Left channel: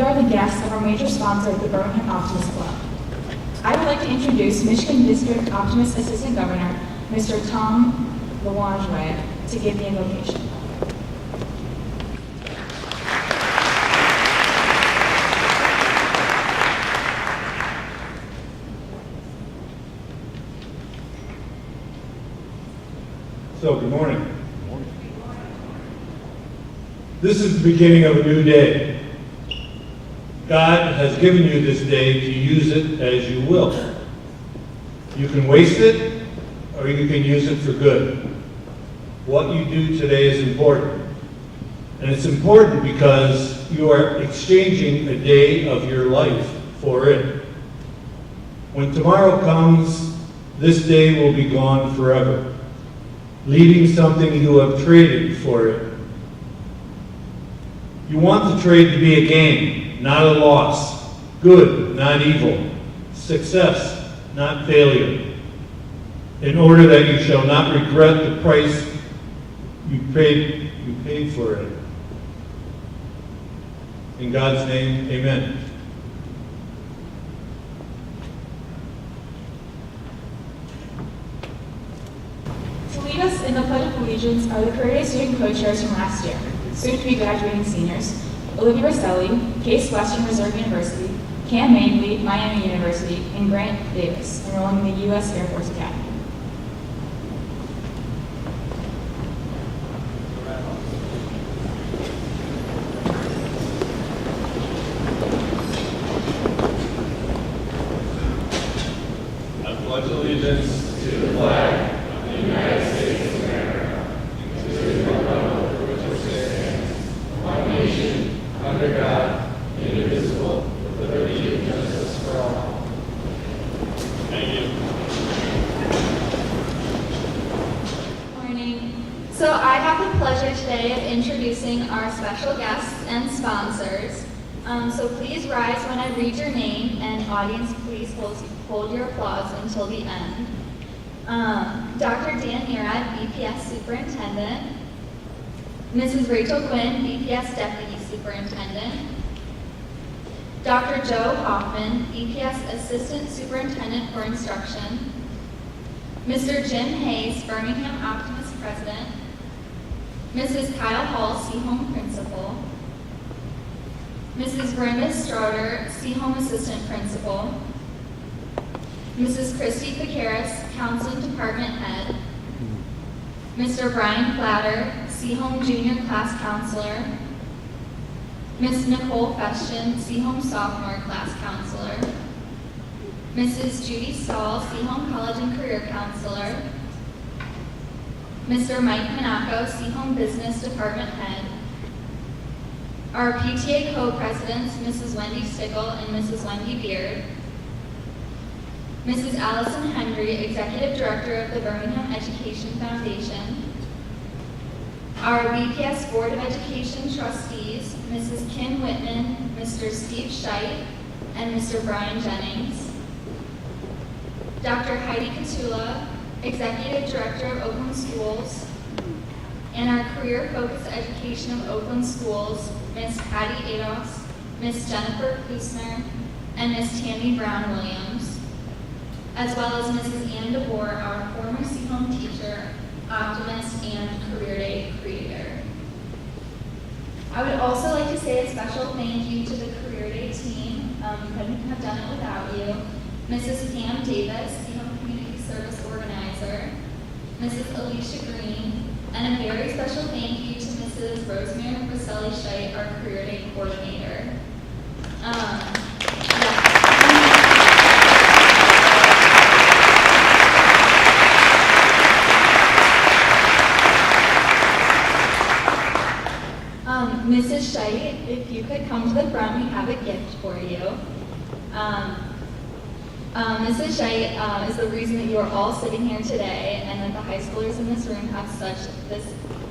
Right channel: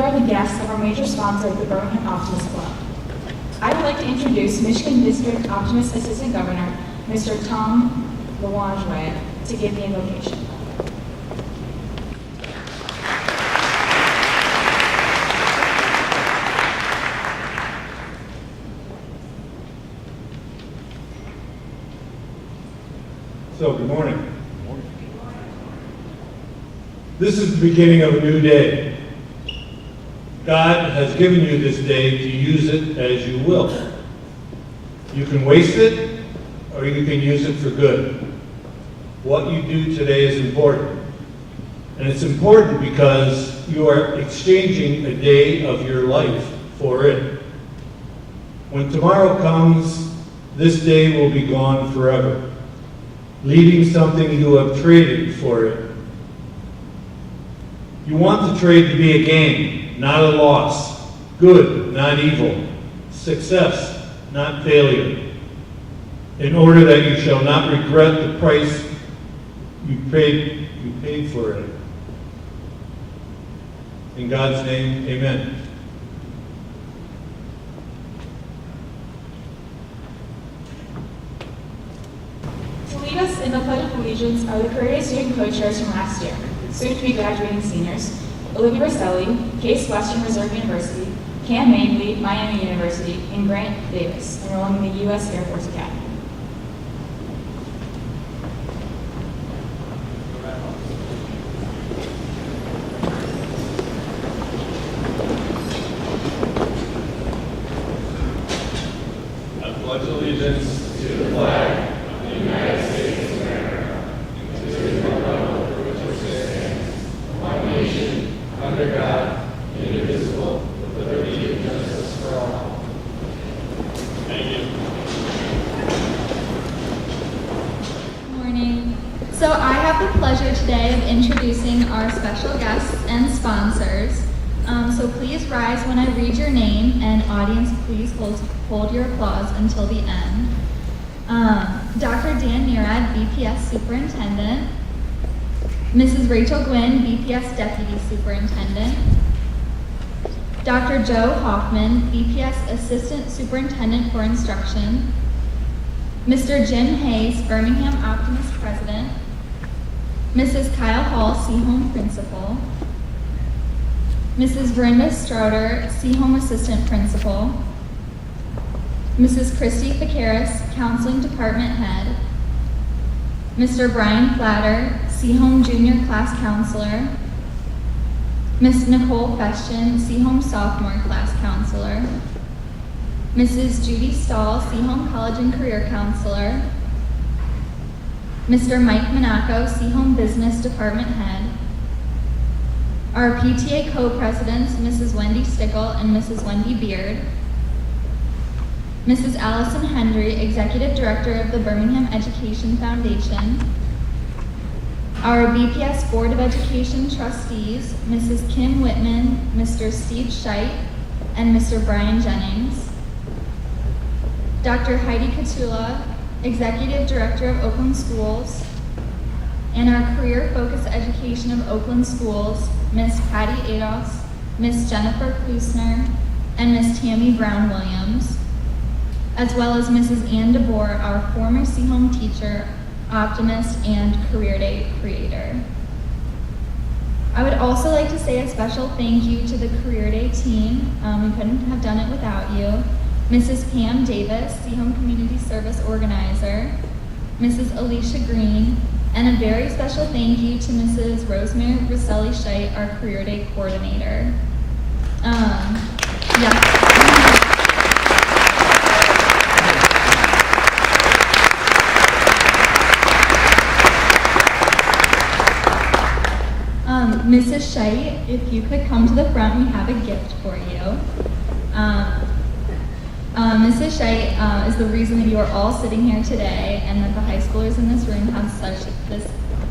are the guests of our major sponsor, the Birmingham Optimist Club. I would like to introduce Michigan District Optimist Assistant Governor, Mr. Tom Louange, to give the invocation. So, good morning. This is the beginning of a new day. God has given you this day to use it as you will. You can waste it, or you can use it for good. What you do today is important. And it's important because you are exchanging a day of your life for it. When tomorrow comes, this day will be gone forever, leaving something you have traded for it. You want the trade to be a gain, not a loss, good, not evil, success, not failure, in order that you shall not regret the price you paid for it. In God's name, amen. To lead us in the Pledge of Allegiance are the Career Day student co-chairs from last year, soon to be graduating seniors, Olivia Rosselli, Case Western Reserve University, Cam Mainley, Miami University, and Grant Davis, enrolling in the U.S. Air Force Academy. I pledge allegiance to the flag of the United States of America, and to the republic for which it stands, one nation, under God, indivisible, with liberty and justice for all. Thank you. Good morning. So I have the pleasure today of introducing our special guests and sponsors. So please rise when I read your name, and audience, please hold your applause until the end. Dr. Dan Neerad, BPS Superintendent. Mrs. Rachel Gwynn, BPS Deputy Superintendent. Dr. Joe Hoffman, BPS Assistant Superintendent for Instruction. Mr. Jim Hayes, Birmingham Optimist President. Mrs. Kyle Hall, Seaholm Principal. Mrs. Verinda Stroder, Seaholm Assistant Principal. Mrs. Christy Ficaris, Counseling Department Head. Mr. Brian Flatter, Seaholm Junior Class Counselor. Ms. Nicole Feshton, Seaholm Sophomore Class Counselor. Mrs. Judy Stahl, Seaholm College and Career Counselor. Mr. Mike Monaco, Seaholm Business Department Head. Our PTA co-presidents, Mrs. Wendy Stickle and Mrs. Wendy Beard. Mrs. Allison Hendry, Executive Director of the Birmingham Education Foundation. Our BPS Board of Education trustees, Mrs. Kim Whitman, Mr. Steve Scheidt, and Mr. Brian Jennings. Dr. Heidi Katula, Executive Director of Oakland Schools. And our career-focused education of Oakland Schools, Ms. Patty Ados, Ms. Jennifer Kusner, and Ms. Tammy Brown-Williams, as well as Mrs. Ann DeBoer, our former Seaholm teacher, optimist, and Career Day creator. I would also like to say a special thank you to the Career Day team. We couldn't have done it without you. Mrs. Pam Davis, Seaholm Community Service Organizer, Mrs. Alicia Green, and a very special thank you to Mrs. Rosemary Rosselli Scheidt, our Career Day coordinator. Mrs. Scheidt, if you could come to the front, we have a gift for you. Mrs. Scheidt is the reason that you are all sitting here today, and that the high schoolers in this room have such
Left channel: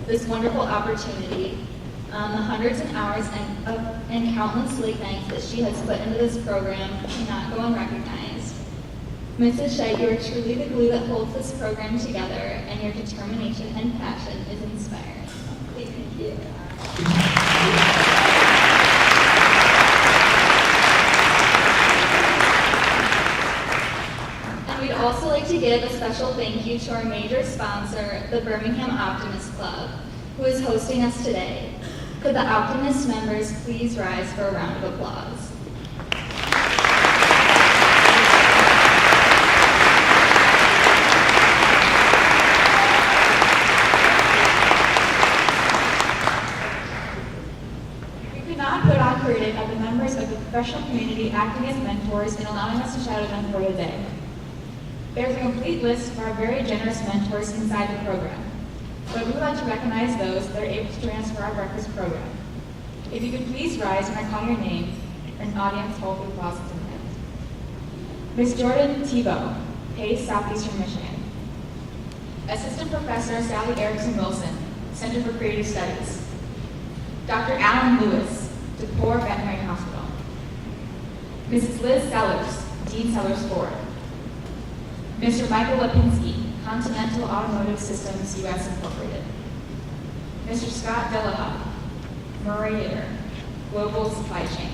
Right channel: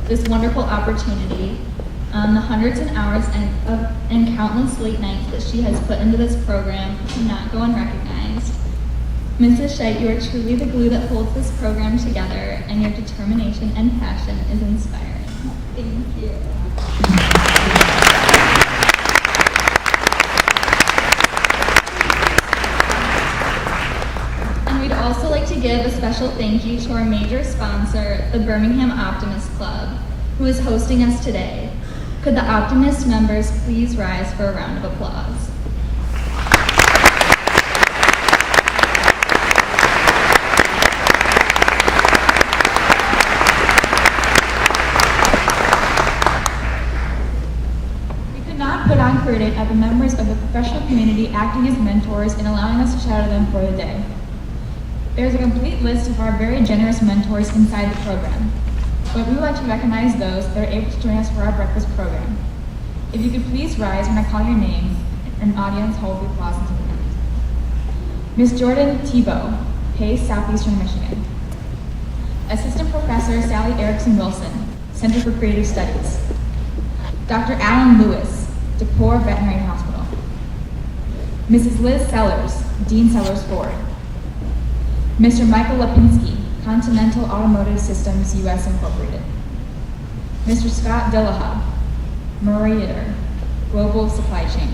this wonderful opportunity. The hundreds of hours and countless late nights that she has put into this program cannot go unrecognized. Mrs. Scheidt, you are truly the glue that holds this program together, and your determination and passion is inspiring. Thank you. special thank you to our major sponsor, the Birmingham Optimist Club, who is hosting us today. Could the Optimist members please rise for a round of applause? We could not put on credit of the members of the professional community acting as mentors and allowing us to shadow them for the day. There's a complete list of our very generous mentors inside the program, but we would like to recognize those that are able to join us for our breakfast program. If you could please rise when I call your name, and audience hold the applause until the end. Ms. Jordan Tebow, Pace, Southeastern Michigan. Assistant Professor Sally Erickson Wilson, Center for Creative Studies. Dr. Alan Lewis, DePore Veterinary Hospital. Mrs. Liz Sellers, Dean Sellers Ford. Mr. Michael Lipinski, Continental Automotive Systems US Incorporated. Mr. Scott Dillaha, Murator, Global Supply Chain.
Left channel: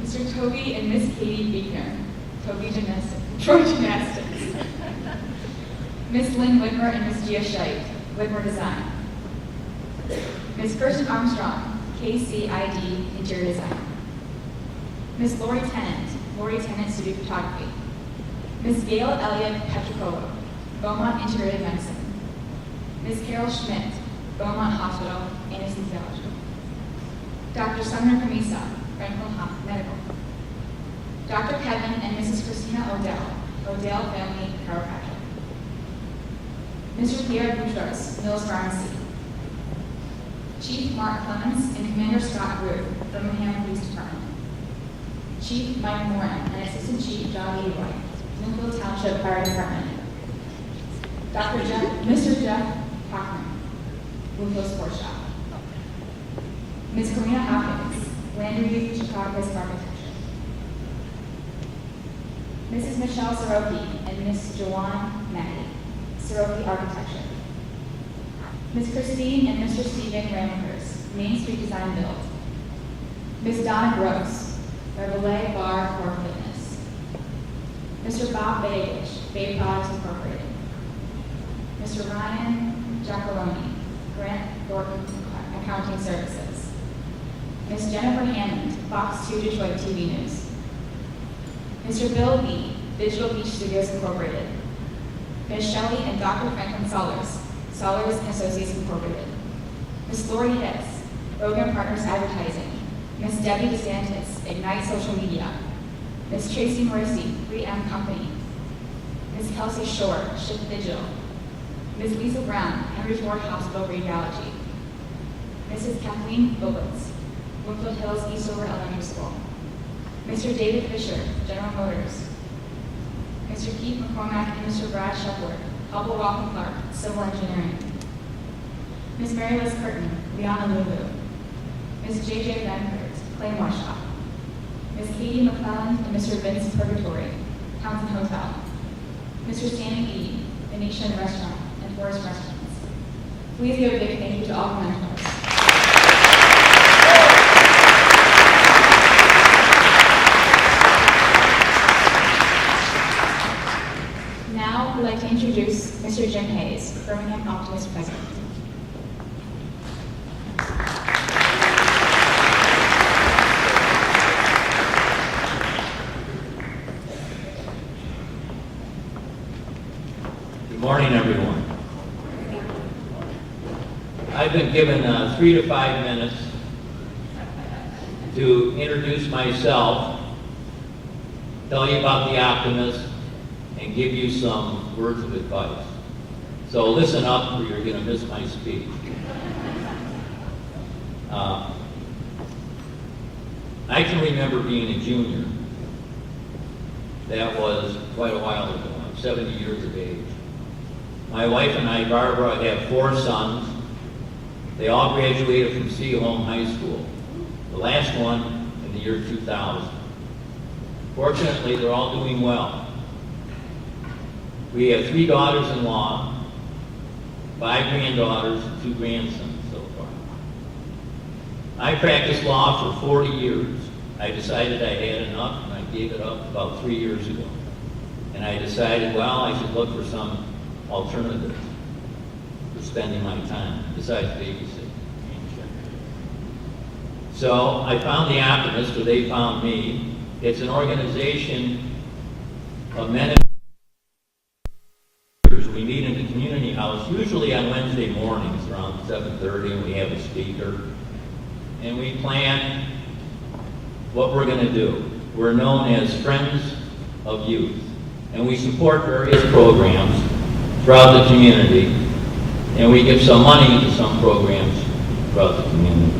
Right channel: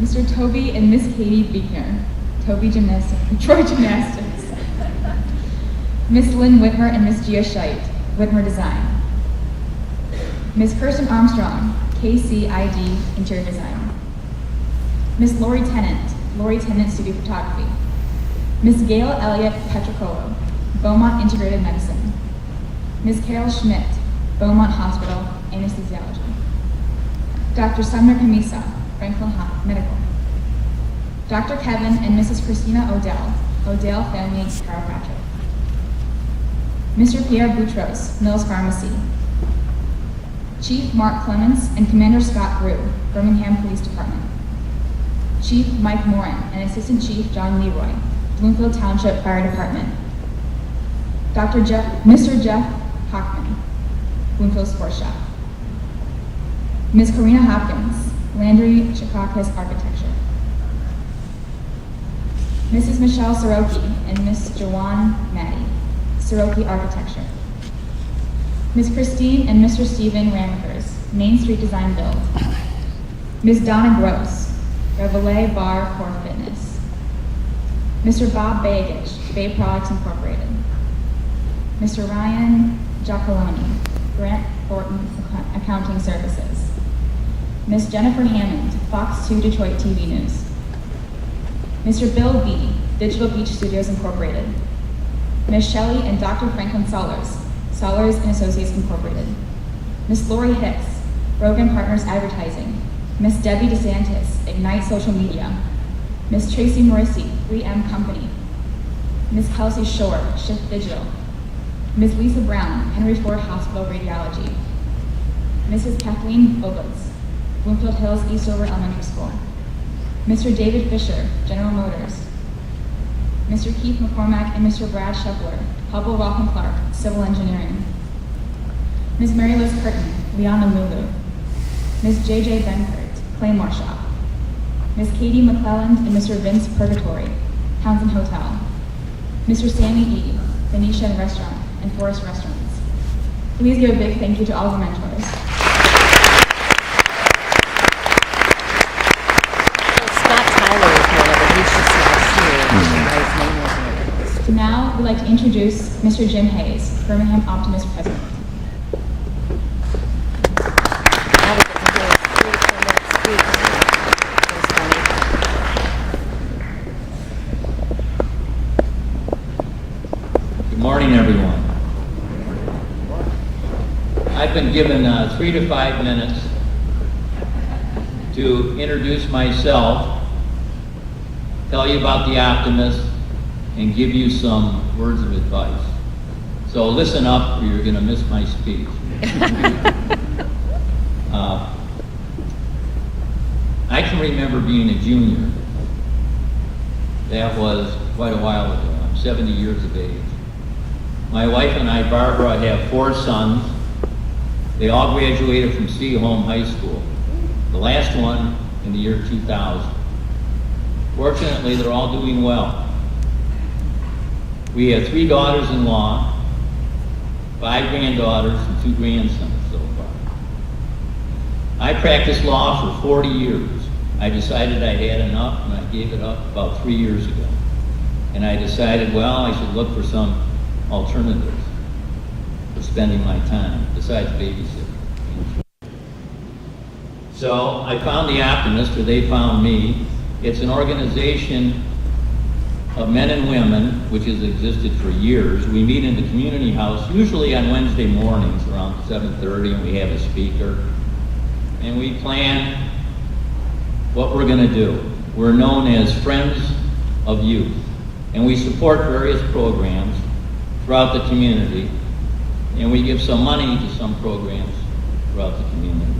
Mr. Toby and Miss Katie Beekner, Toby Gymnastics, Troy Gymnastics. Miss Lynn Whitmer and Miss Gia Scheit, Whitmer Design. Miss Kirsten Armstrong, KCID Interior Design. Miss Lori Tennant Studio Photography. Miss Gail Elliott Petrocolo, Beaumont Integrated Medicine. Miss Carol Schmidt, Beaumont Hospital, Anesthesiology. Dr. Sumner Camisa, Franklin Medical. Dr. Kevin and Mrs. Christina Odell Family Chiropractic. Mr. Pierre Boutros, Mills Pharmacy. Chief Mark Clements and Commander Scott Rue, Birmingham Police Department. Chief Mike Moran and Assistant Chief John Leroy, Bloomfield Township Fire Department. Mr. Jeff Hockman, Bloomfield Sports Shop. Ms. Karina Hopkins, Landry Chikakis Architecture. Mrs. Michelle Soroki and Ms. Joanne Maddie, Soroki Architecture. Ms. Christine and Mr. Stephen Ramagers, Main Street Design Build. Ms. Donna Gross, Reveille Bar Core Fitness. Mr. Bob Bagage, Bay Products Incorporated. Mr. Ryan Giacoloni, Grant Thornton Accounting Services. Ms. Jennifer Hammond, Fox 2 Detroit TV News. Mr. Bill B., Digital Beach Studios Incorporated. Ms. Shelley and Dr. Franklin Sollers and Associates Incorporated. Ms. Lori Hicks, Rogan Partners Advertising. Ms. Debbie DeSantis, Ignite Social Media. Ms. Tracy Morrissey, 3M Company. Ms. Kelsey Shore, Shift Digital. Ms. Lisa Brown, Henry Ford Hospital Radiology. Mrs. Kathleen Bobitz, Bloomfield Hills Eastover Elementary School. Mr. David Fisher, General Motors. Mr. Keith McCormack and Mr. Brad Shepard, Hubble Rock & Clark, Civil Engineering. Ms. Mary Liz Curtin, Liana Lulu. Ms. J.J. Benford, Claymore Shop. Ms. Katie McClelland and Mr. Vince Purgatory, Townsend Hotel. Mr. Sammy E., Venetian Restaurant and Forest Restaurants. Please give a big thank you to all of our mentors. Now, we'd like to introduce Mr. Jim Hayes, Birmingham Optimist President. Good morning, everyone. I've been given 3 to 5 minutes to introduce myself, tell you about the Optimist, and give you some words of advice. So listen up or you're going to miss my speech. I can remember being a junior. That was quite a while ago. I'm 70 years of age. My wife and I, Barbara, have 4 sons. They all graduated from Seaholm High School, the last one in the year 2000. Fortunately, they're all doing well. We have 3 daughters-in-law, 5 granddaughters, and 2 grandsons so far. I practiced law for 40 years. I decided I had enough, and I gave it up about 3 years ago. and I decided, well, I should look for some alternatives for spending my time besides babysitting. So I found The Optimist, or they found me. It's an organization of men and women, which has existed for years. We meet in the community house, usually on Wednesday mornings around 7:30, and we have a speaker. And we plan what we're going to do. We're known as Friends of Youth, and we support various programs throughout the community, and we give some money to some programs throughout the community.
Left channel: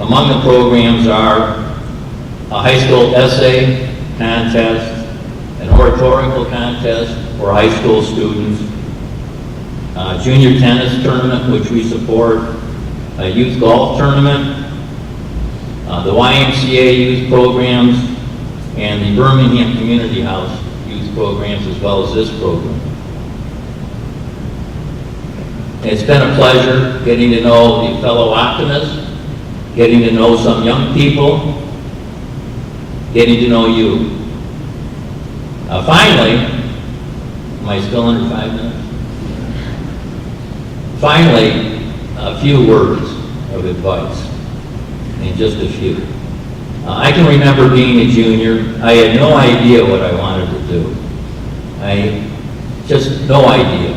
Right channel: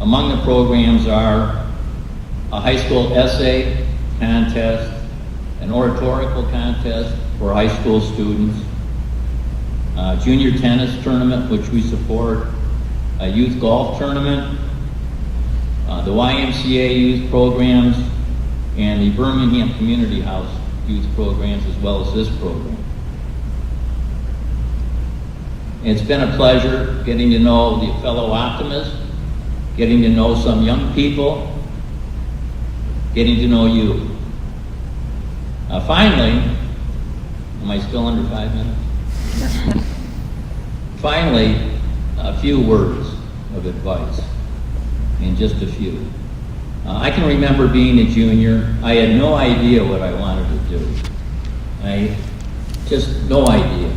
Among the programs are a high school essay contest, an oratorical contest for high school students, a junior tennis tournament, which we support, a youth golf tournament, the YMCA youth programs, and the Birmingham Community House youth programs, as well as this program. It's been a pleasure getting to know the fellow optimists, getting to know some young people, getting to know you. Finally, am I still under 5 minutes? Finally, a few words of advice, and just a few. I can remember being a junior. I had no idea what I wanted to do. Just no idea.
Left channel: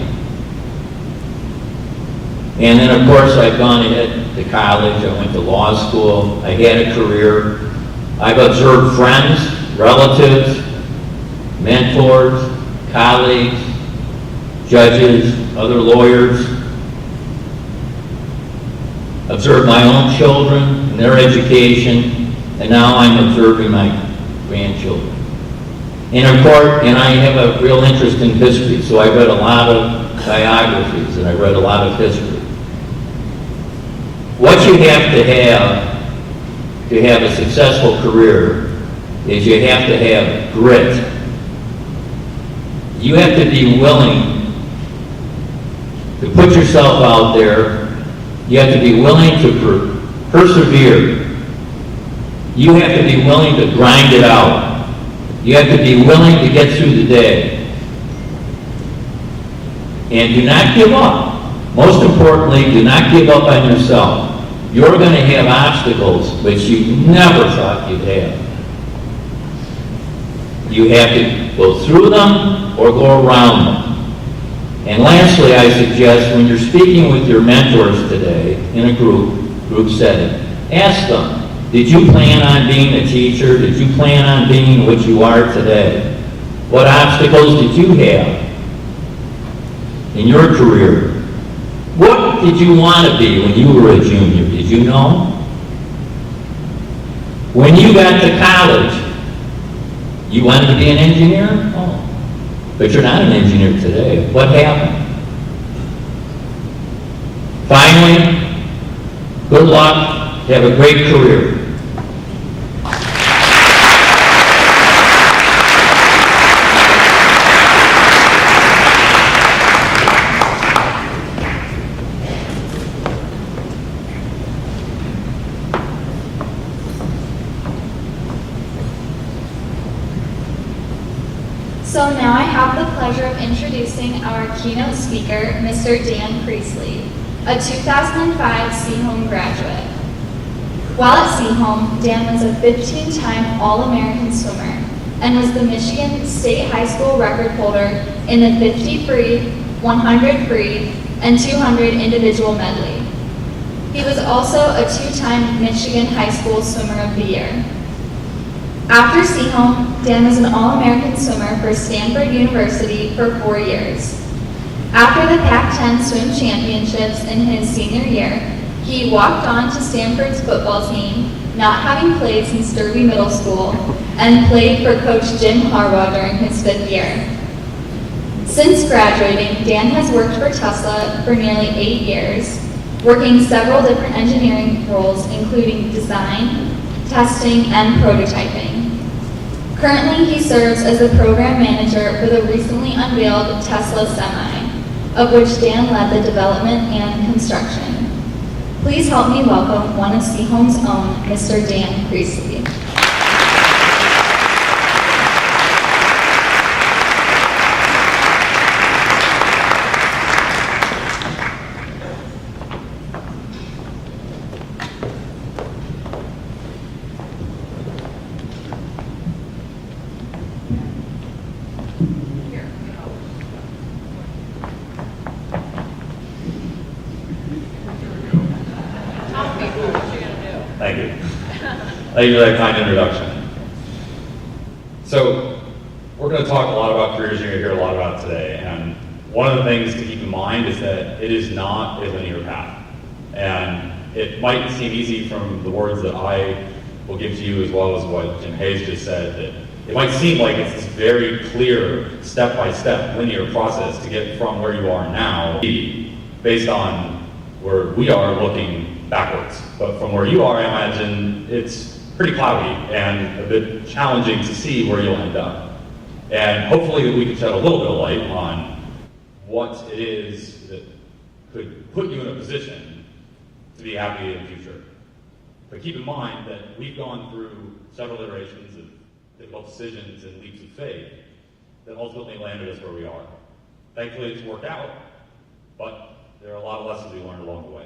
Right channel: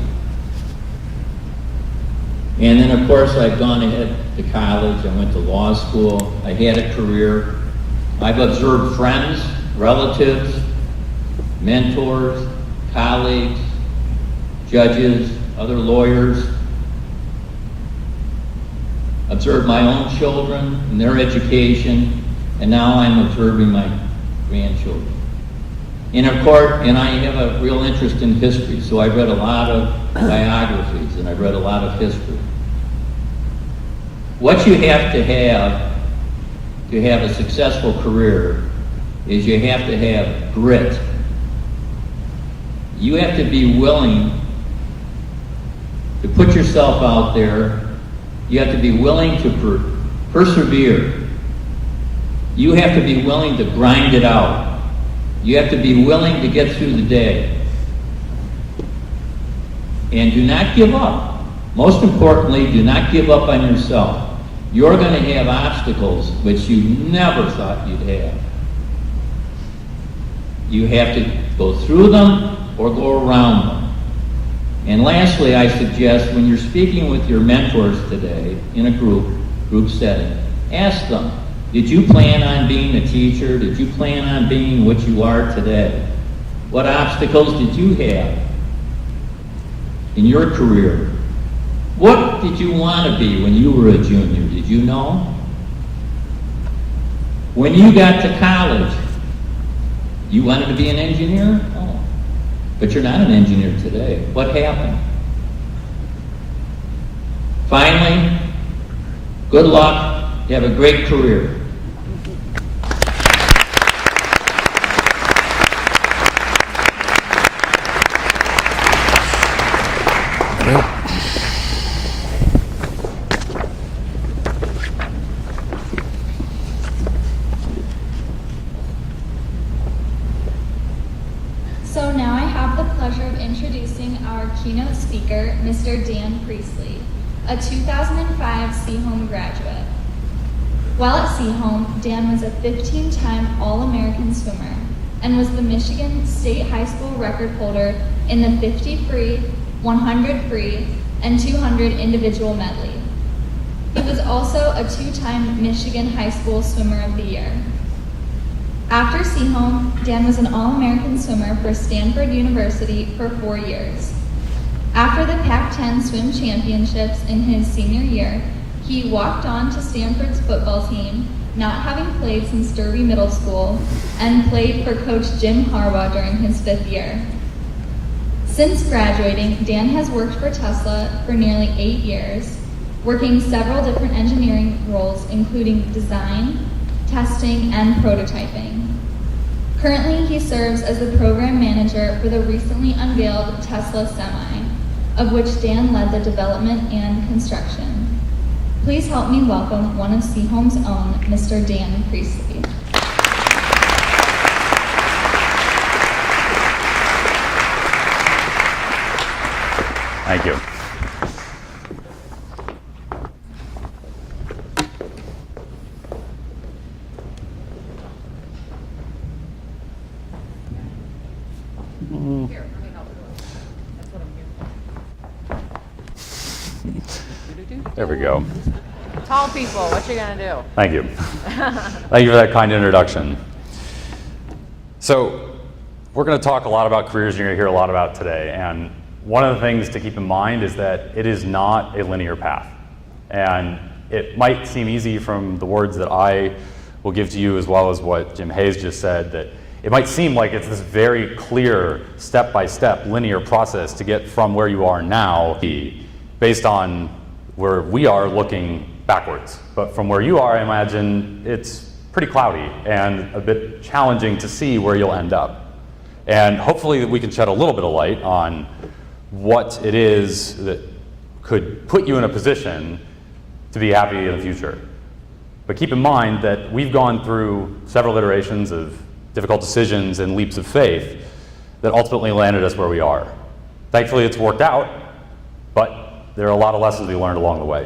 And then, of course, I've gone ahead to college. I went to law school. I had a career. I've observed friends, relatives, mentors, colleagues, judges, other lawyers, observed my own children and their education, and now I'm observing my grandchildren. And of course, and I have a real interest in history, so I read a lot of biographies and I read a lot of history. What you have to have a successful career is you have to have grit. You have to be willing to put yourself out there. You have to be willing to persevere. You have to be willing to grind it out. You have to be willing to get through the day. And do not give up. Most importantly, do not give up on yourself. You're going to have obstacles which you never thought you'd have. You have to go through them or go around them. And lastly, I suggest when you're speaking with your mentors today in a group setting, ask them, did you plan on being a teacher? Did you plan on being what you are today? What obstacles did you have in your career? What did you want to be when you were a junior? Did you know? When you got to college, you wanted to be an engineer? Oh. But you're not an engineer today. What happened? Finally, good luck. Have a great career. So now I have the pleasure of introducing our keynote speaker, Mr. Dan Priestley, a 2005 Seaholm graduate. While at Seaholm, Dan was a 15-time All-American swimmer and was the Michigan State High School record holder in the 50 free, 100 free, and 200 individual medley. He was also a 2-time Michigan High School Swimmer of the Year. After Seaholm, Dan was an All-American swimmer for Stanford University for 4 years. After the Pac-10 Swim Championships in his senior year, he walked on to Stanford's football team, not having played since Derby Middle School, and played for Coach Jim Harbaugh during his 5th year. Since graduating, Dan has worked for Tesla for nearly 8 years, working several different engineering roles, including design, testing, and prototyping. Currently, he serves as the program manager for the recently unveiled Tesla Semi, of which Dan led the development and construction. Please help me welcome one of Seaholm's own, Mr. Dan Priestley. There we go. Tall people, what you gonna do? Thank you. Thank you for that kind introduction. So, we're going to talk a lot about careers you're going to hear a lot about today. And one of the things to keep in mind is that it is not a linear path. And it might seem easy from the words that I will give to you, as well as what Jim Hayes just said, that it might seem like it's this very clear, step-by-step linear process to get from where you are now, based on where we are looking backwards. But from where you are, I imagine it's pretty cloudy and a bit challenging to see where you'll end up. And hopefully we can shed a little bit of light on what it is that could put you in a position to be happy in the future. But keep in mind that we've gone through several iterations of difficult decisions and leaps of faith that ultimately landed us where we are. Thankfully it's worked out, but there are a lot of lessons we learned along the way.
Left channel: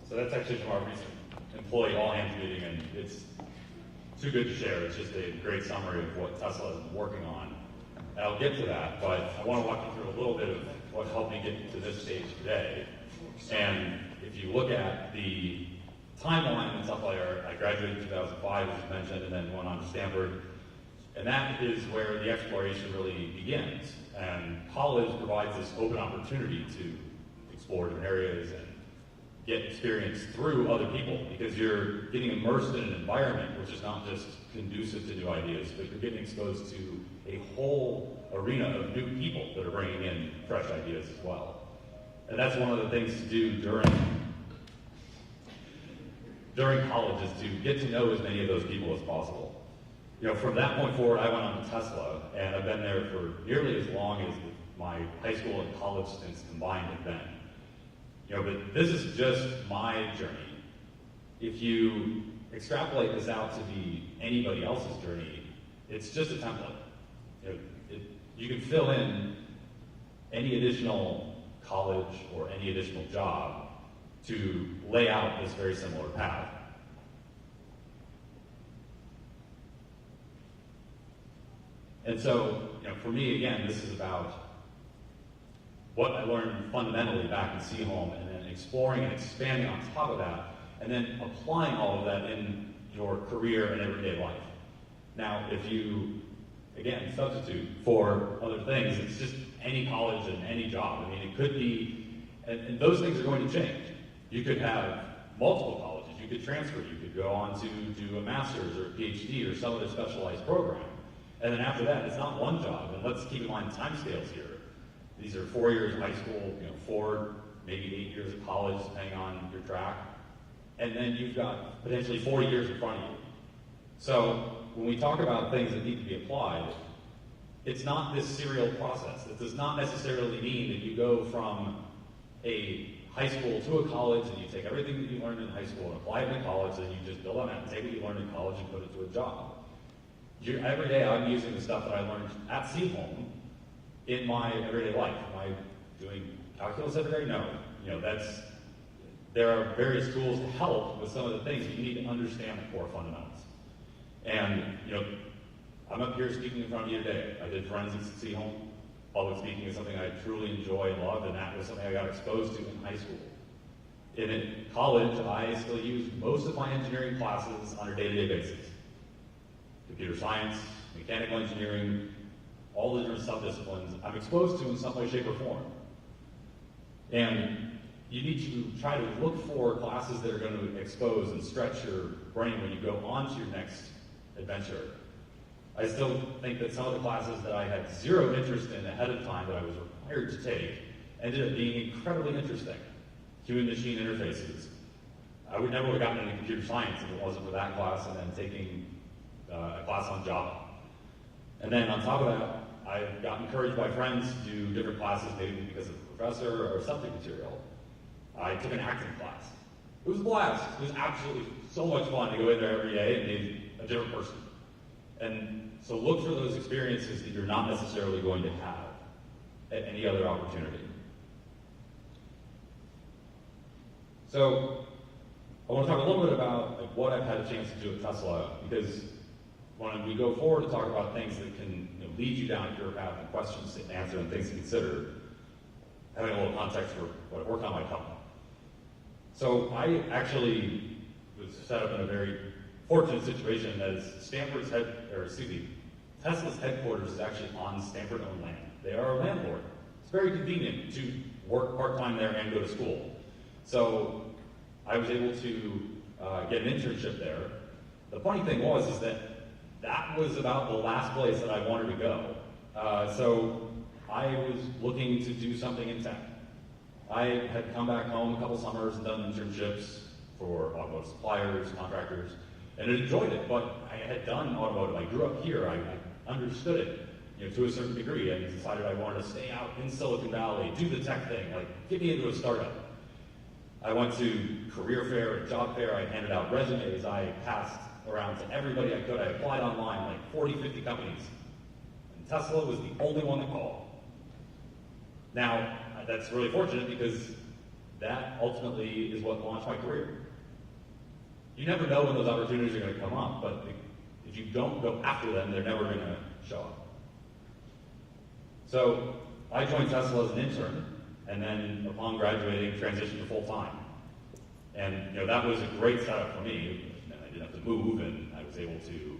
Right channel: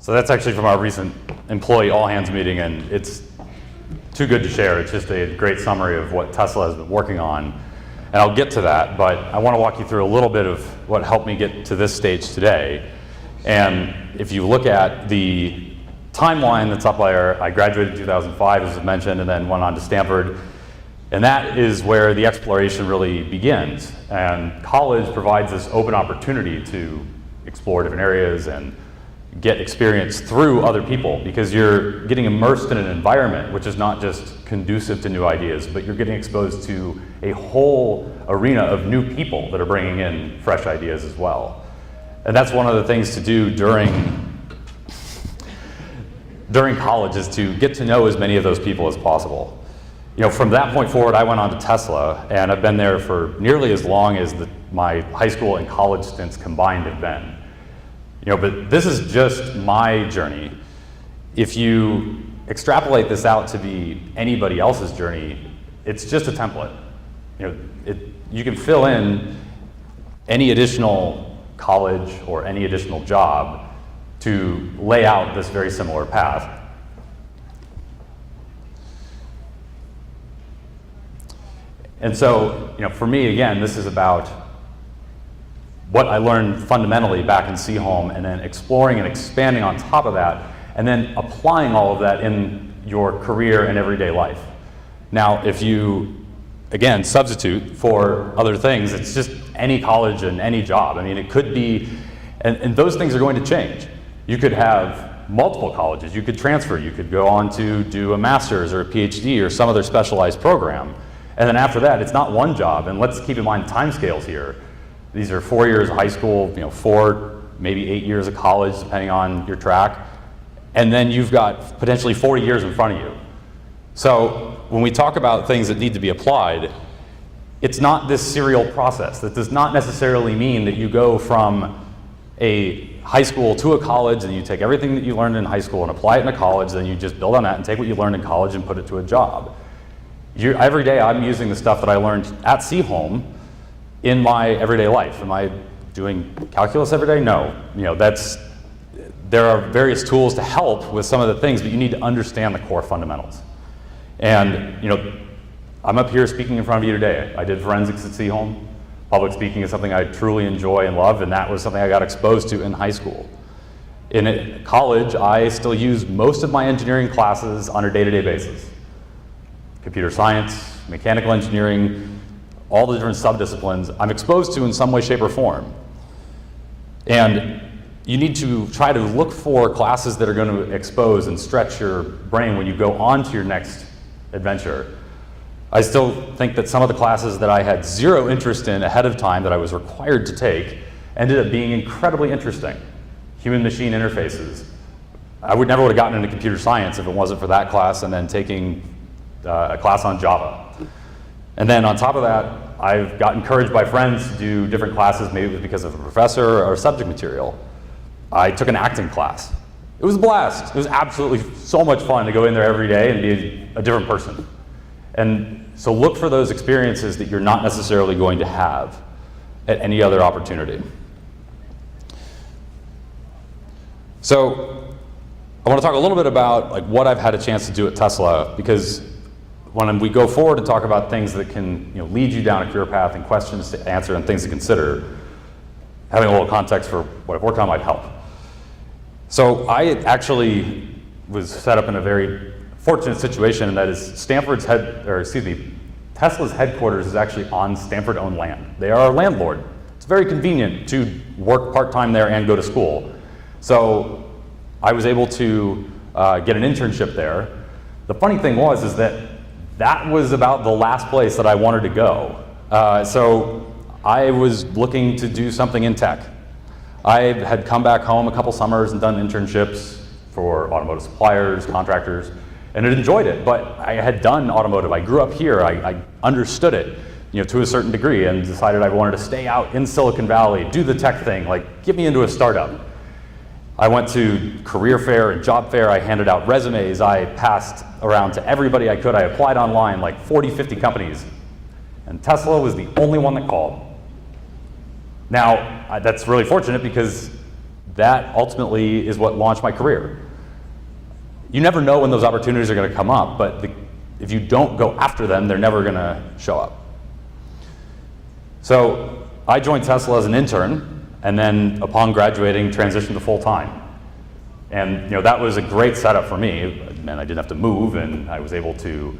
So that's actually from our recent employee all-hands meeting, and it's too good to share. It's just a great summary of what Tesla has been working on. And I'll get to that, but I want to walk you through a little bit of what helped me get to this stage today. And if you look at the timeline that's up there, I graduated in 2005, as was mentioned, and then went on to Stanford. And that is where the exploration really begins. And college provides this open opportunity to explore different areas and get experience through other people, because you're getting immersed in an environment which is not just conducive to new ideas, but you're getting exposed to a whole arena of new people that are bringing in fresh ideas as well. And that's one of the things to do during college, is to get to know as many of those people as possible. You know, from that point forward, I went on to Tesla, and I've been there for nearly as long as my high school and college stints combined have been. You know, but this is just my journey. If you extrapolate this out to be anybody else's journey, it's just a template. You know, you can fill in any additional college or any additional job to lay out this very similar path. And so, you know, for me, again, this is about what I learned fundamentally back in Seaholm, and then exploring and expanding on top of that, and then applying all of that in your career and everyday life. Now, if you, again, substitute for other things, it's just any college and any job. I mean, it could be, and those things are going to change. You could have multiple colleges, you could transfer, you could go on to do a master's or a PhD or some other specialized program. And then after that, it's not one job, and let's keep in mind timescales here. These are 4 years of high school, 4, maybe 8 years of college, depending on your track. And then you've got potentially 40 years in front of you. So when we talk about things that need to be applied, it's not this serial process. That does not necessarily mean that you go from a high school to a college and you take everything that you learned in high school and apply it in a college, then you just build on that and take what you learned in college and put it to a job. Every day I'm using the stuff that I learned at Seaholm in my everyday life. Am I doing calculus every day? No. There are various tools to help with some of the things, but you need to understand the core fundamentals. And I'm up here speaking in front of you today. I did forensics at Seaholm. Public speaking is something I truly enjoy and love, and that was something I got exposed to in high school. In college, I still use most of my engineering classes on a day-to-day basis. Computer science, mechanical engineering, all the different sub-disciplines I'm exposed to in some way, shape, or form. And you need to try to look for classes that are going to expose and stretch your brain when you go on to your next adventure. I still think that some of the classes that I had zero interest in ahead of time that I was required to take ended up being incredibly interesting. Human-machine interfaces. I would never have gotten into computer science if it wasn't for that class and then taking a class on Java. And then on top of that, I've got encouraged by friends to do different classes, maybe it was because of a professor or subject material. I took an acting class. It was a blast. It was absolutely so much fun to go in there every day and be a different person. And so look for those experiences that you're not necessarily going to have at any other opportunity. So I want to talk a little bit about what I've had a chance to do at Tesla, because when we go forward and talk about things that can lead you down a career path and questions to answer and things to consider, having a little context for what I've worked on might help. So I actually was set up in a very fortunate situation, and that is Tesla's headquarters is actually on Stanford-owned land. They are a landlord. It's very convenient to work part-time there and go to school. So I was able to get an internship there. The funny thing is that was about the last place that I wanted to go. So I was looking to do something in tech. I had come back home a couple summers and done internships for automotive suppliers, contractors, and had enjoyed it, but I had done automotive. I grew up here. I understood it, to a certain degree, and decided I wanted to stay out in Silicon Valley, do the tech thing, get me into a startup. I went to career fair and job fair. I handed out resumes. I passed around to everybody I could. I applied online, 40, 50 companies, and Tesla was the only one that called. Now, that's really fortunate because that ultimately is what launched my career. You never know when those opportunities are going to come up, but if you don't go after them, they're never going to show up. So I joined Tesla as an intern, and then upon graduating, transitioned to full-time. And that was a great setup for me. It meant I didn't have to move, and I was able to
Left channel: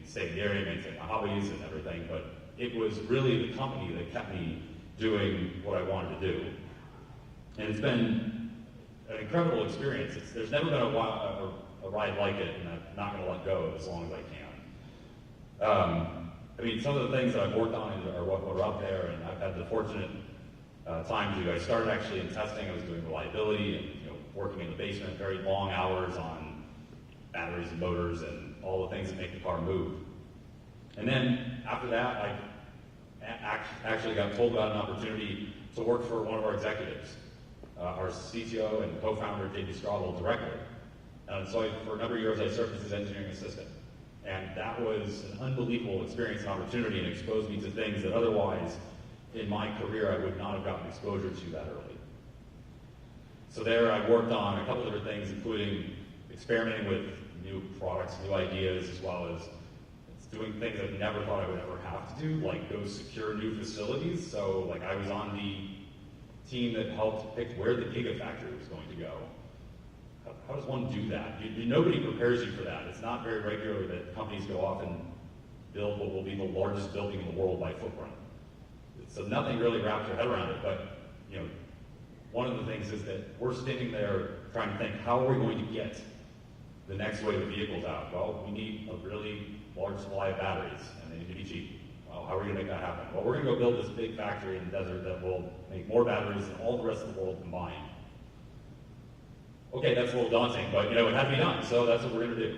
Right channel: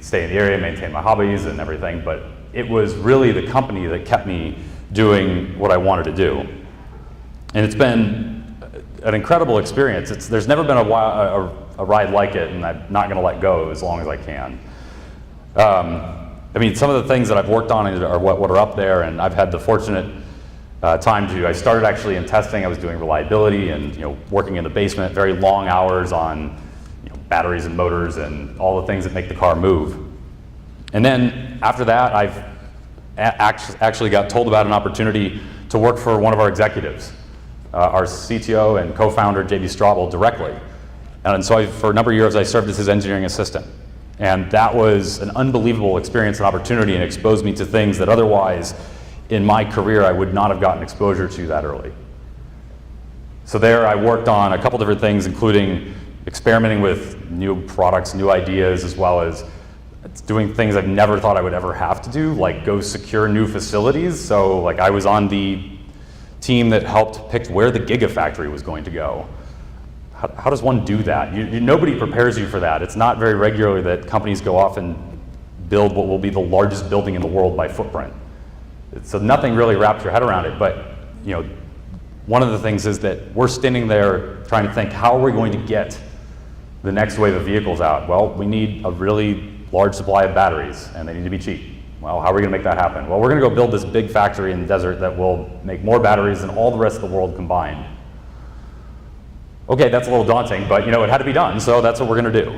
stay in the area, maintain my hobbies and everything, but it was really the company that kept me doing what I wanted to do. And it's been an incredible experience. There's never been a ride like it, and I'm not going to let go as long as I can. Some of the things that I've worked on are what are up there, and I've had the fortunate time to. I started actually in testing. I was doing reliability and working in the basement, very long hours on batteries and motors and all the things that make the car move. And then after that, I've actually got told about an opportunity to work for one of our executives, our CTO and co-founder, J.B. Straubel, directly. And so for a number of years, I served as his engineering assistant. And that was an unbelievable experience and opportunity, and exposed me to things that otherwise in my career I would not have gotten exposure to that early. So there I worked on a couple different things, including experimenting with new products, new ideas, as well as doing things I've never thought I would ever have to do, like go secure new facilities. So I was on the team that helped pick where the Gigafactory was going to go. How does one do that? Nobody prepares you for that. It's not very regular that companies go off and build what will be the largest building in the world by footprint. So nothing really wraps your head around it. But one of the things is that we're standing there trying to think, how are we going to get the next wave of vehicles out? Well, we need a really large supply of batteries, and they need to be cheap. Well, how are we going to make that happen? Well, we're going to go build this big factory in the desert that will make more batteries than all the rest of the world combined. Okay, that's a little daunting, but it had to be done, so that's what we're going to do.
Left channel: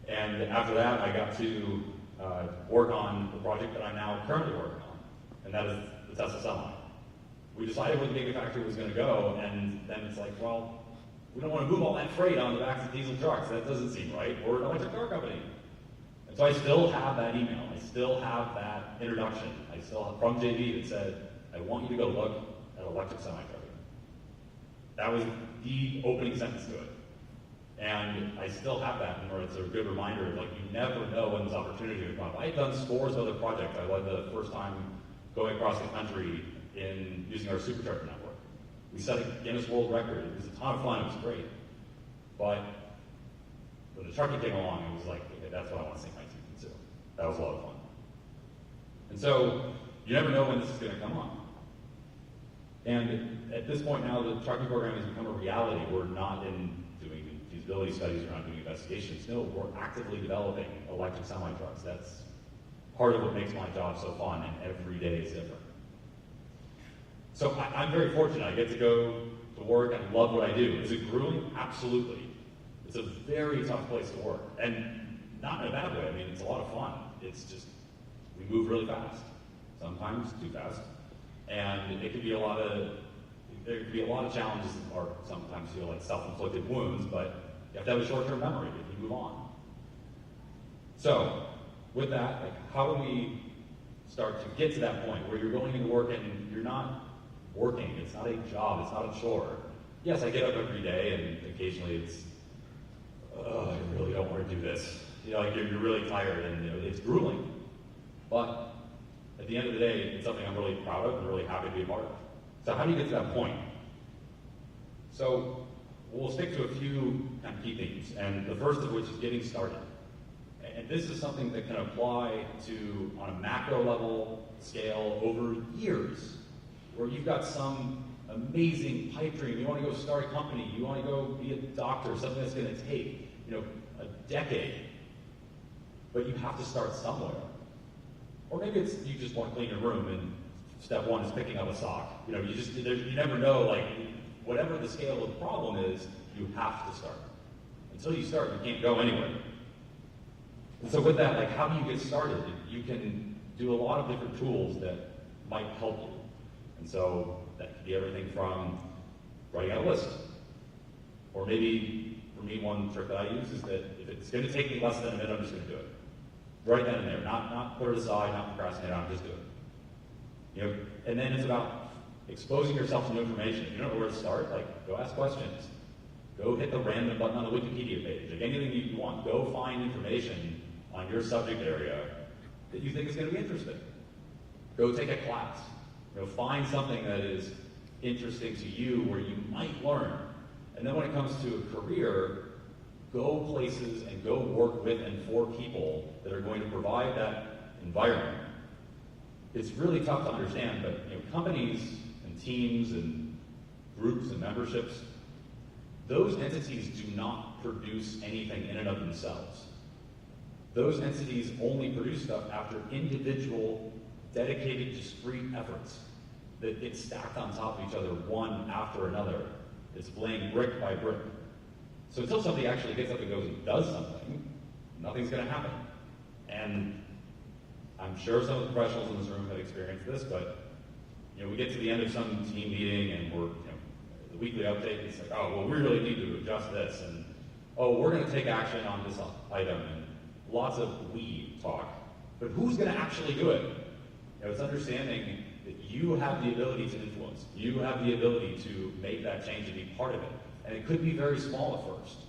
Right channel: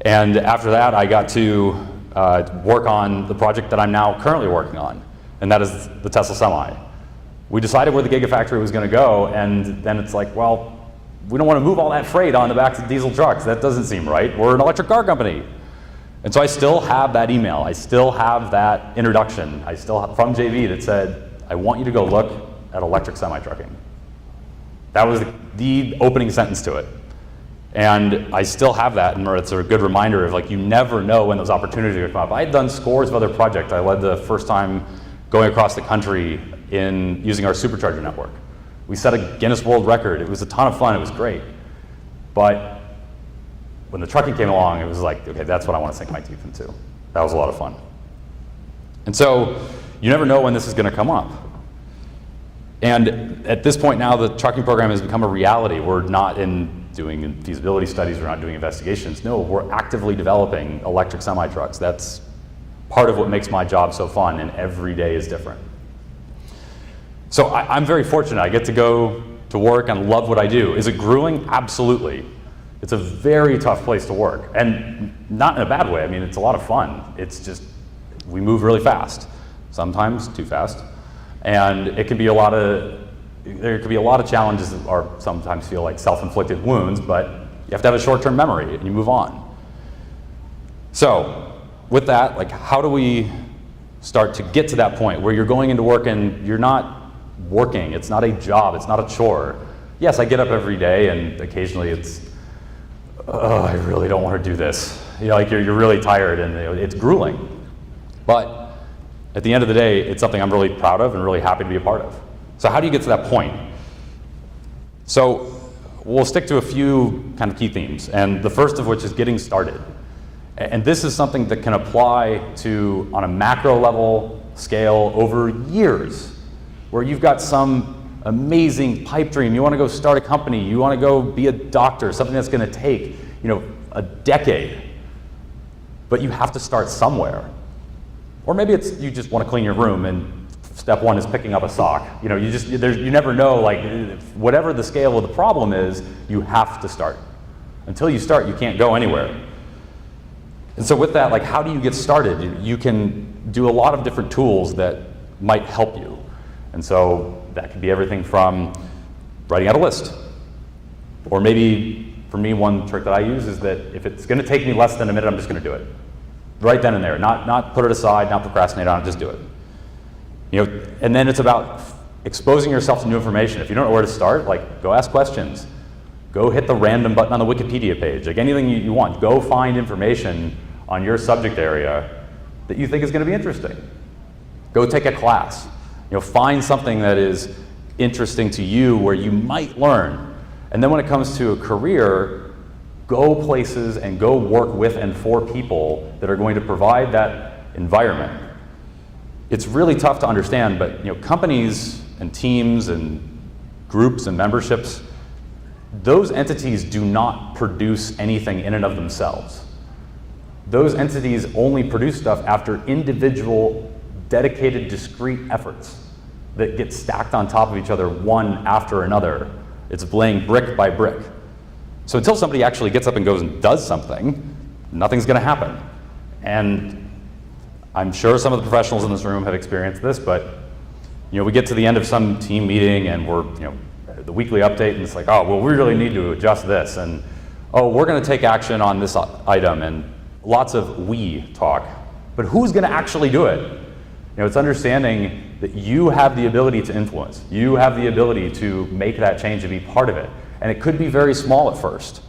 And after that, I got to work on the project that I'm now currently working on, and that is the Tesla Semi. We decided where the Gigafactory was going to go, and then it's like, well, we don't want to move all that freight on the backs of diesel trucks. That doesn't seem right. We're an electric car company. And so I still have that email. I still have that introduction. I still have, from JV, that said, I want you to go look at electric semi-trucking. That was the opening sentence to it. And I still have that, and it's a good reminder of, like, you never know when those opportunities are going to come up. I had done scores of other projects. I led the first time going across the country in using our supercharger network. We set a Guinness World Record. It was a ton of fun. It was great. But when the trucking came along, it was like, okay, that's what I want to sink my teeth into. That was a lot of fun. And so you never know when this is going to come up. And at this point now, the trucking program has become a reality. We're not doing feasibility studies. We're not doing investigations. No, we're actively developing electric semi-trucks. That's part of what makes my job so fun, and every day is different. So I'm very fortunate. I get to go to work and love what I do. Is it grueling? Absolutely. It's a very tough place to work, and not in a bad way. I mean, it's a lot of fun. It's just, we move really fast, sometimes too fast, and it can be there could be a lot of challenges that are sometimes feel like self-inflicted wounds, but you have to have a short-term memory and you move on. So with that, like, how do we start to get to that point where you're going into work and you're not working? It's not a job, it's not a chore. Yes, I get up every day and occasionally it's, oh, I really don't want to do this. You know, like you're really tired and it's grueling. But at the end of the day, it's something I'm really proud of and really happy to be a part of. So how do you get to that point? So we'll stick to a few kind of key themes, and the first of which is getting started. And this is something that can apply to, on a macro level scale, over years, where you've got some amazing pipe dream. You want to go start a company. You want to go be a doctor, something that's going to take, a decade. But you have to start somewhere. Or maybe it's you just want to clean your room, and step one is picking up a sock. You never know, like, whatever the scale of the problem is, you have to start. Until you start, you can't go anywhere. And so with that, like, how do you get started? You can do a lot of different tools that might help you. And so that could be everything from writing out a list. Or maybe, for me, one trick that I use is that if it's going to take me less than a minute, I'm just going to do it. Right then and there. Not put it aside, not procrastinate on it, just do it. And then it's about exposing yourself to new information. If you don't know where to start, like, go ask questions. Go hit the random button on the Wikipedia page. Like, anything you want. Go find information on your subject area that you think is going to be interesting. Go take a class. Find something that is interesting to you where you might learn. And then when it comes to a career, go places and go work with and for people that are going to provide that environment. It's really tough to understand, but companies and teams and groups and memberships, those entities do not produce anything in and of themselves. Those entities only produce stuff after individual, dedicated, discrete efforts that get stacked on top of each other, one after another. It's laying brick by brick. So until somebody actually gets up and goes and does something, nothing's going to happen. And I'm sure some of the professionals in this room have experienced this, but we get to the end of some team meeting and we're, the weekly update, and it's like, oh, well, we really need to adjust this, and oh, we're going to take action on this item, and lots of we talk. But who's going to actually do it? It's understanding that you have the ability to influence. You have the ability to make that change and be part of it. And it could be very small at first.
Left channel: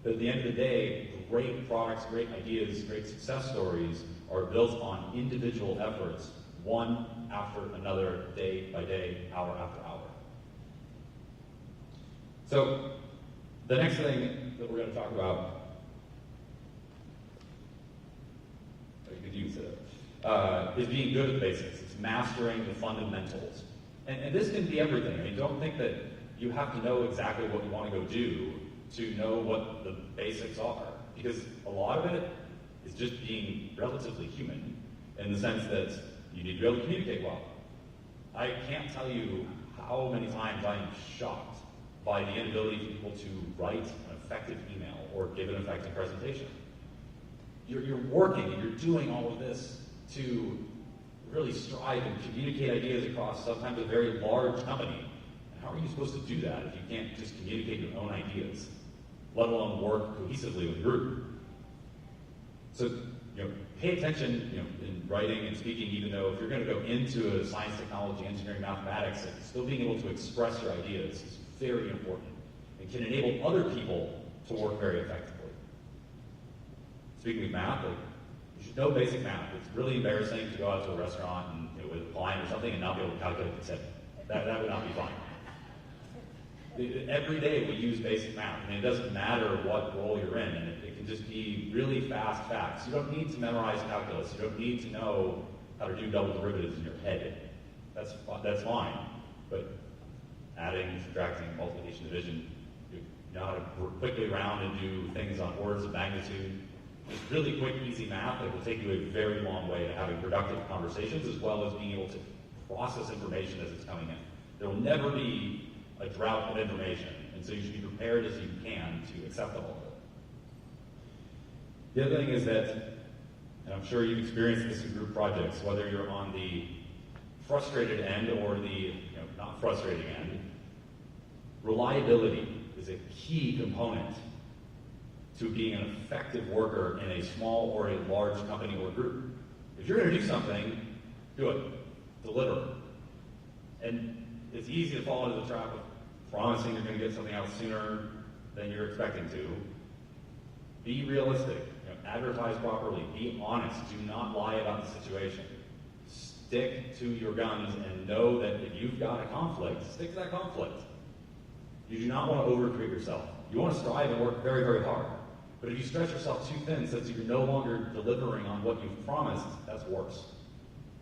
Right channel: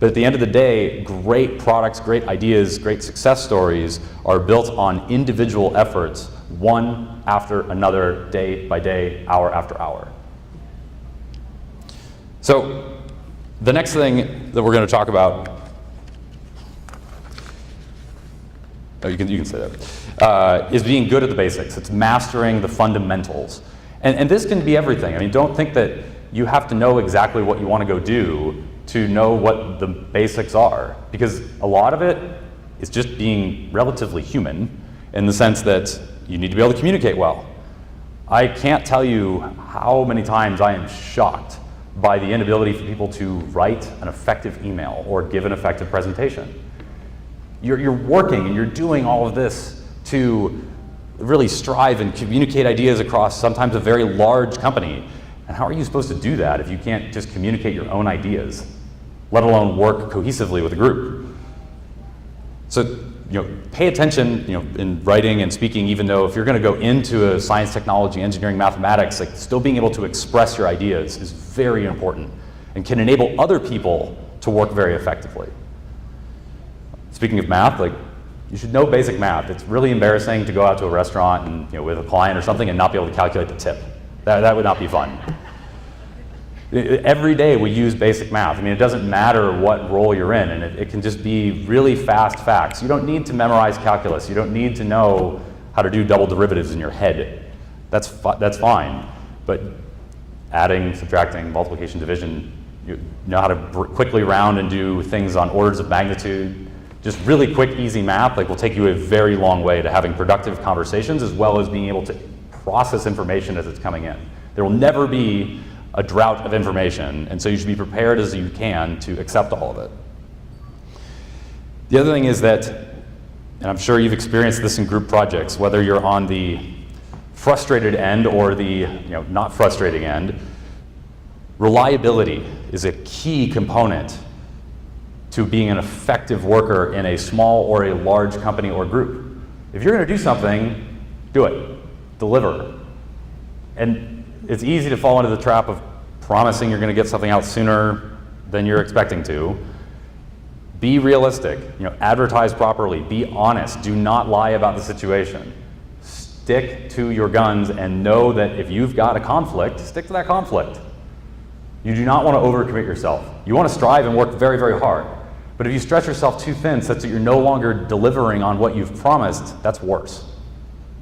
But at the end of the day, great products, great ideas, great success stories are built on individual efforts, one after another, day by day, hour after hour. So the next thing that we're going to talk about, you can say that, is being good at the basics. It's mastering the fundamentals. And this can be everything. I mean, don't think that you have to know exactly what you want to go do to know what the basics are, because a lot of it is just being relatively human in the sense that you need to be able to communicate well. I can't tell you how many times I am shocked by the inability for people to write an effective email or give an effective presentation. You're working and you're doing all of this to really strive and communicate ideas across sometimes a very large company. And how are you supposed to do that if you can't just communicate your own ideas, let alone work cohesively with a group? So, pay attention, in writing and speaking, even though if you're going to go into a science, technology, engineering, mathematics, like still being able to express your ideas is very important and can enable other people to work very effectively. Speaking of math, you should know basic math. It's really embarrassing to go out to a restaurant and with a client or something and not be able to calculate the tip. That would not be fun. Every day we use basic math. I mean, it doesn't matter what role you're in, and it can just be really fast facts. You don't need to memorize calculus. You don't need to know how to do double derivatives in your head. That's fine. But adding, subtracting, multiplication, division, you know how to quickly round and do things on orders of magnitude. Just really quick, easy math will take you a very long way to having productive conversations as well as being able to process information as it's coming in. There will never be a drought of information, and so you should be prepared as you can to accept all of it. The other thing is that, and I'm sure you've experienced this in group projects, whether you're on the frustrated end or the not frustrating end, reliability is a key component to being an effective worker in a small or a large company or group. If you're going to do something, do it. Deliver. And it's easy to fall into the trap of promising you're going to get something out sooner than you're expecting to. Be realistic. Advertise properly. Be honest. Do not lie about the situation. Stick to your guns and know that if you've got a conflict, stick to that conflict. You do not want to overcommit yourself. You want to strive and work very, very hard. But if you stretch yourself too thin such that you're no longer delivering on what you've promised, that's worse.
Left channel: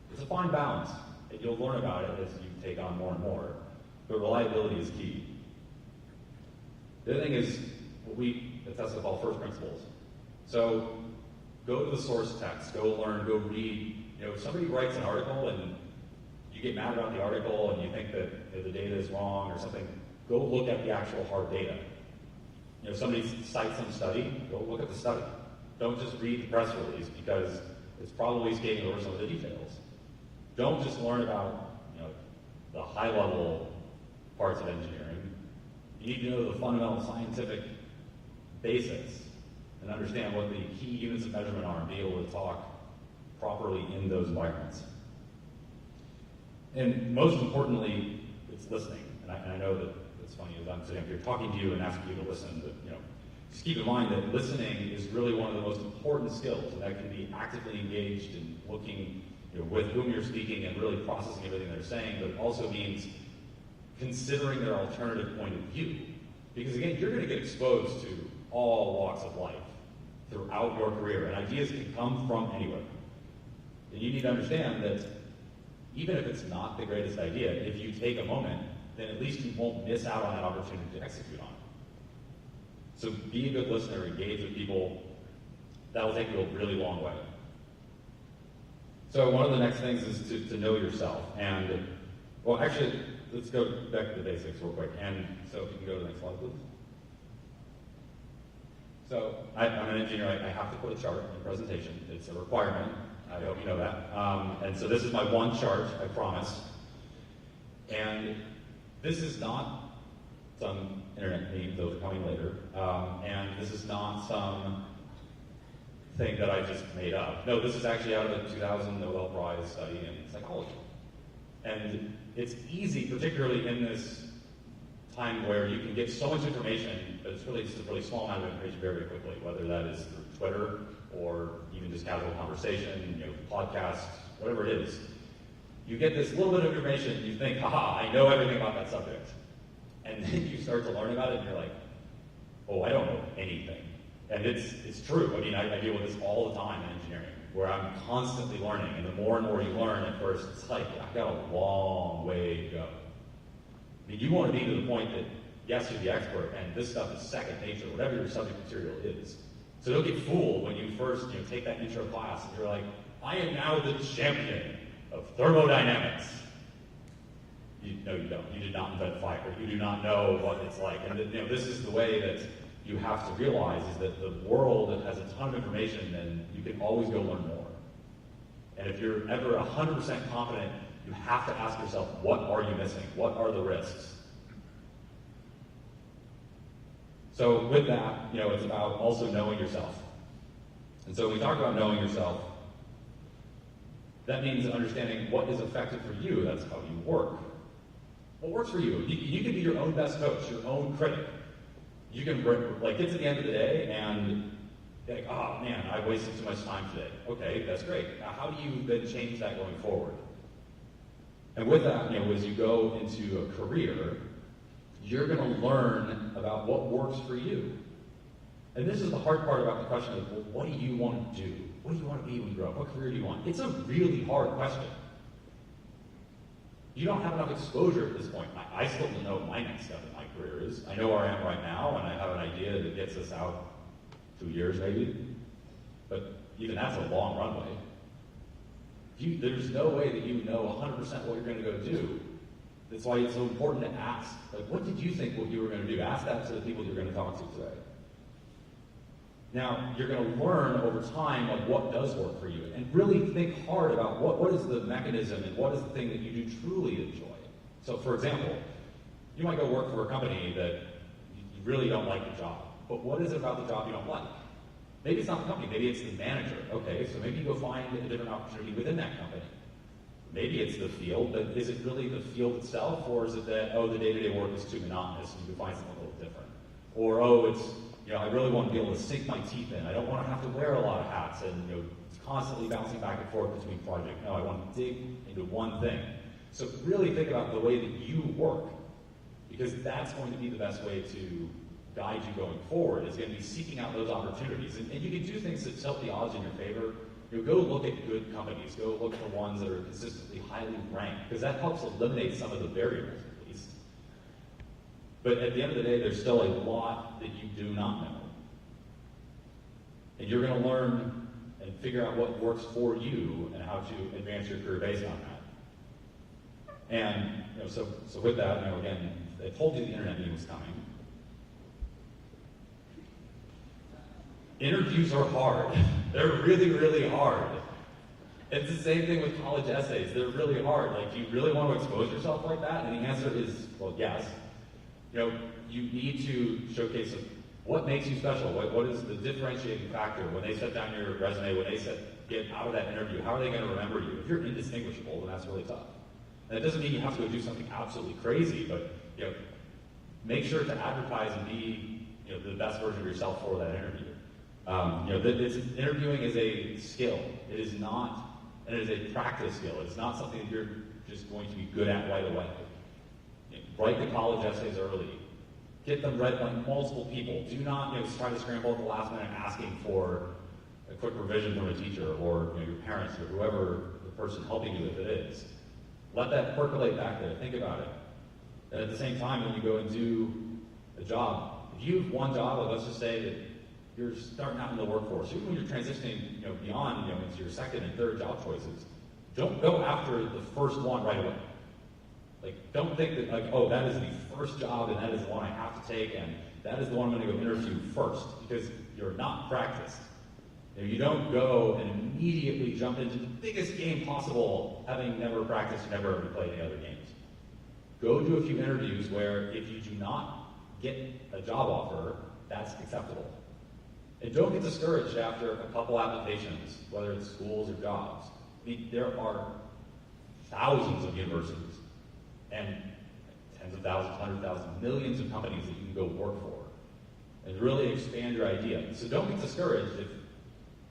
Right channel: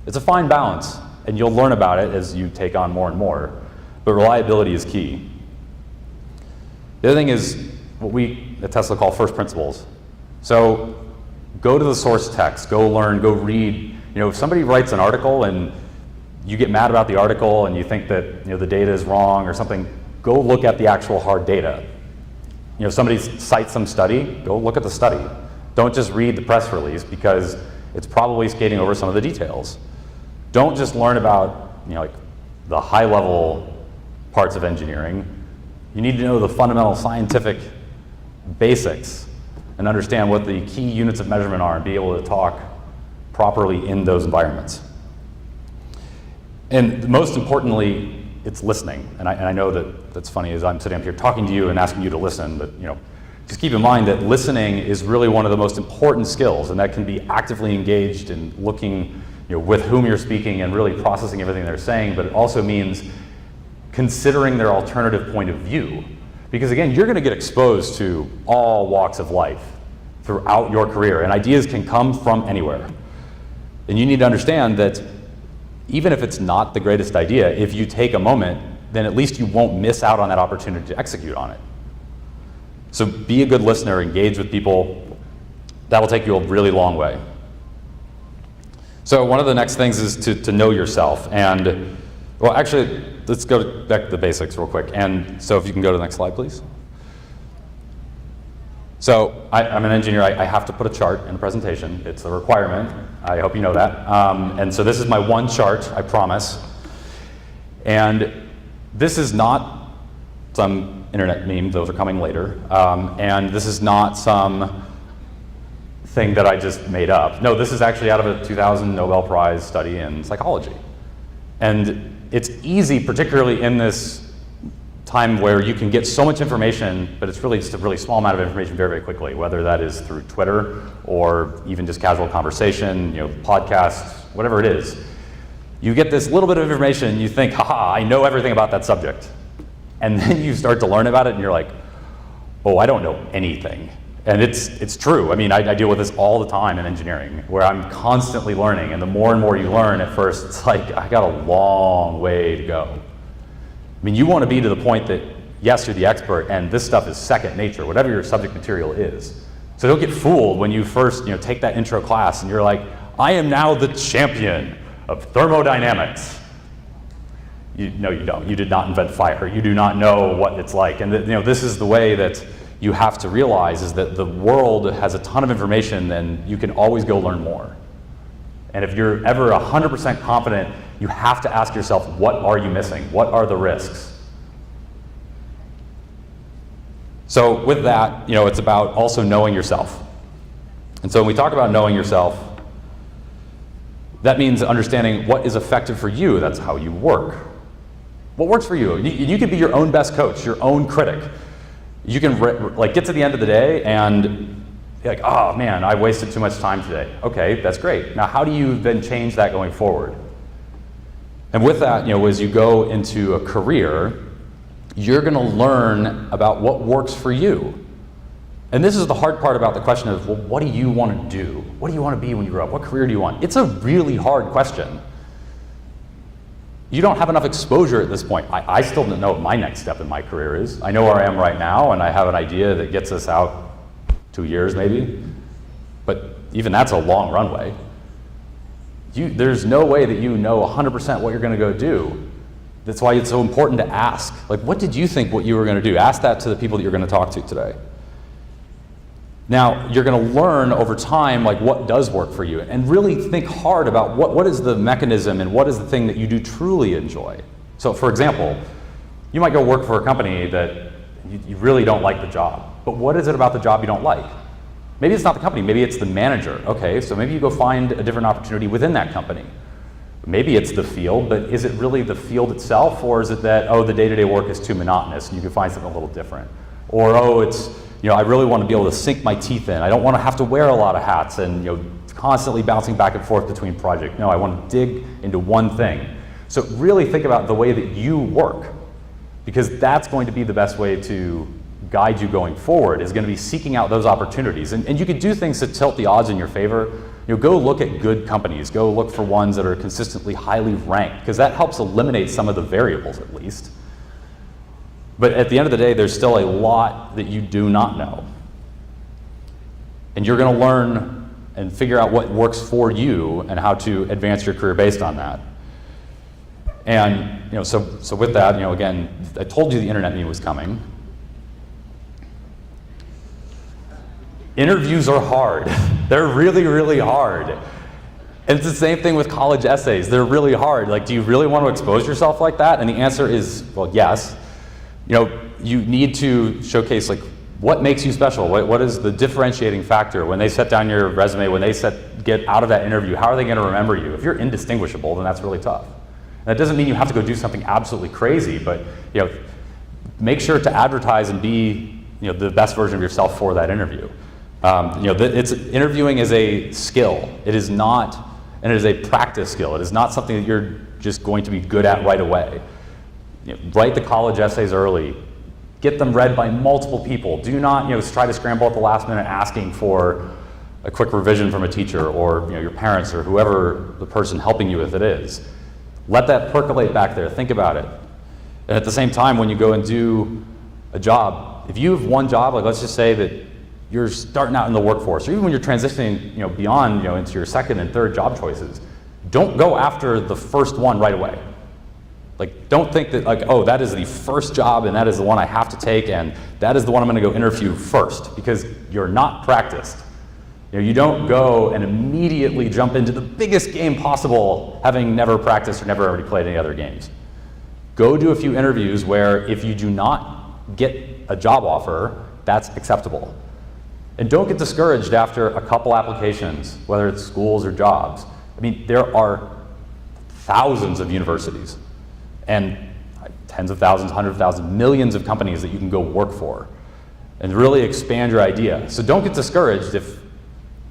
It's a fine balance, and you'll learn about it as you take on more and more. But reliability is key. The other thing is what we at Tesla call first principles. So go to the source text, go learn, go read. If somebody writes an article and you get mad about the article and you think that the data is wrong or something, go look at the actual hard data. If somebody cites some study, go look at the study. Don't just read the press release because it's probably skating over some of the details. Don't just learn about the high-level parts of engineering. You need to know the fundamental scientific basics and understand what the key units of measurement are and be able to talk properly in those environments. And most importantly, it's listening. And I know that's funny as I'm sitting up here talking to you and asking you to listen, but just keep in mind that listening is really one of the most important skills, and that can be actively engaged in looking with whom you're speaking and really processing everything they're saying, but it also means considering their alternative point of view. Because again, you're going to get exposed to all walks of life throughout your career, and ideas can come from anywhere. And you need to understand that even if it's not the greatest idea, if you take a moment, then at least you won't miss out on that opportunity to execute on it. So be a good listener, engage with people. That will take you a really long way. So one of the next things is to know yourself. And, well, actually, let's go back to the basics real quick. And so if you can go to the next slide, please. So I'm an engineer. I have to put a chart in a presentation. It's a requirement. I hope you know that. And so this is my one chart, I promise. And this is not some internet meme. Those are coming later. And this is not some thing that I just made up. No, this is actually out of a 2000 Nobel Prize study in psychology. And it's easy, particularly in this time where you can get so much information, but it's really just a really small amount of information very, very quickly, whether that is through Twitter or even just casual conversation, podcasts, whatever it is. You get this little bit of information, you think, haha, I know everything about that subject. And then you start to learn about it and you're like, oh, I don't know anything. And it's true. I mean, I deal with this all the time in engineering, where I'm constantly learning, and the more and more you learn, at first it's like, I got a long way to go. I mean, you want to be to the point that, yes, you're the expert, and this stuff is second nature, whatever your subject material is. So don't get fooled when you first take that intro class and you're like, I am now the champion of thermodynamics. No, you don't. You did not invent fire. You do not know what it's like. And this is the way that you have to realize is that the world has a ton of information and you can always go learn more. And if you're ever 100% confident, you have to ask yourself, what are you missing? What are the risks? So with that, it's about also knowing yourself. And so when we talk about knowing yourself, that means understanding what is effective for you. That's how you work. What works for you? You can be your own best coach, your own critic. You can get to the end of the day and be like, oh man, I wasted too much time today. Okay, that's great. Now how do you then change that going forward? And with that, as you go into a career, you're going to learn about what works for you. And this is the hard part about the question of, well, what do you want to do? What do you want to be when you grow up? What career do you want? It's a really hard question. You don't have enough exposure at this point. I still don't know what my next step in my career is. I know where I am right now, and I have an idea that gets us out 2 years maybe. But even that's a long runway. There's no way that you know 100% what you're going to go do. That's why it's so important to ask. Like, what did you think what you were going to do? Ask that to the people that you're going to talk to today. Now, you're going to learn over time what does work for you, and really think hard about what is the mechanism and what is the thing that you do truly enjoy. So, for example, you might go work for a company that you really don't like the job, but what is it about the job you don't like? Maybe it's not the company, maybe it's the manager. Okay, so maybe you go find a different opportunity within that company. Maybe it's the field, but is it really the field itself, or is it that, the day-to-day work is too monotonous and you can find something a little different? Or, it's, I really want to be able to sink my teeth in. I don't want to have to wear a lot of hats and, constantly bouncing back and forth between projects. No, I want to dig into one thing. So really think about the way that you work, because that's going to be the best way to guide you going forward, is going to be seeking out those opportunities. And you could do things to tilt the odds in your favor. Go look at good companies. Go look for ones that are consistently highly ranked, because that helps eliminate some of the variables at least. But at the end of the day, there's still a lot that you do not know. And you're going to learn and figure out what works for you and how to advance your career based on that. And so with that, again, I told you the internet meme was coming. Interviews are hard. They're really, really hard. And it's the same thing with college essays. They're really hard. Do you really want to expose yourself like that? And the answer is, well, yes. You need to showcase what makes you special. What is the differentiating factor? When they set down your resume, when they get out of that interview, how are they going to remember you? If you're indistinguishable, then that's really tough. That doesn't mean you have to go do something absolutely crazy, but make sure to advertise and be the best version of yourself for that interview. Interviewing is a skill. It is not, and it is a practice skill. It is not something that you're just going to be good at right away. Write the college essays early. Get them read by multiple people. Do not try to scramble at the last minute asking for a quick revision from a teacher or your parents or whoever the person helping you with it is. Let that percolate back there. Think about it. And at the same time, when you go and do a job, if you have one job, let's just say that you're starting out in the workforce, or even when you're transitioning beyond into your second and third job choices, don't go after the first one right away. Don't think that that is the first job and that is the one I have to take and that is the one I'm going to go interview first, because you're not practiced. You don't go and immediately jump into the biggest game possible having never practiced or never already played any other games. Go do a few interviews where if you do not get a job offer, that's acceptable. And don't get discouraged after a couple applications, whether it's schools or jobs. I mean, there are thousands of universities and tens of thousands, hundreds of thousands, millions of companies that you can go work for and really expand your idea. So don't get discouraged if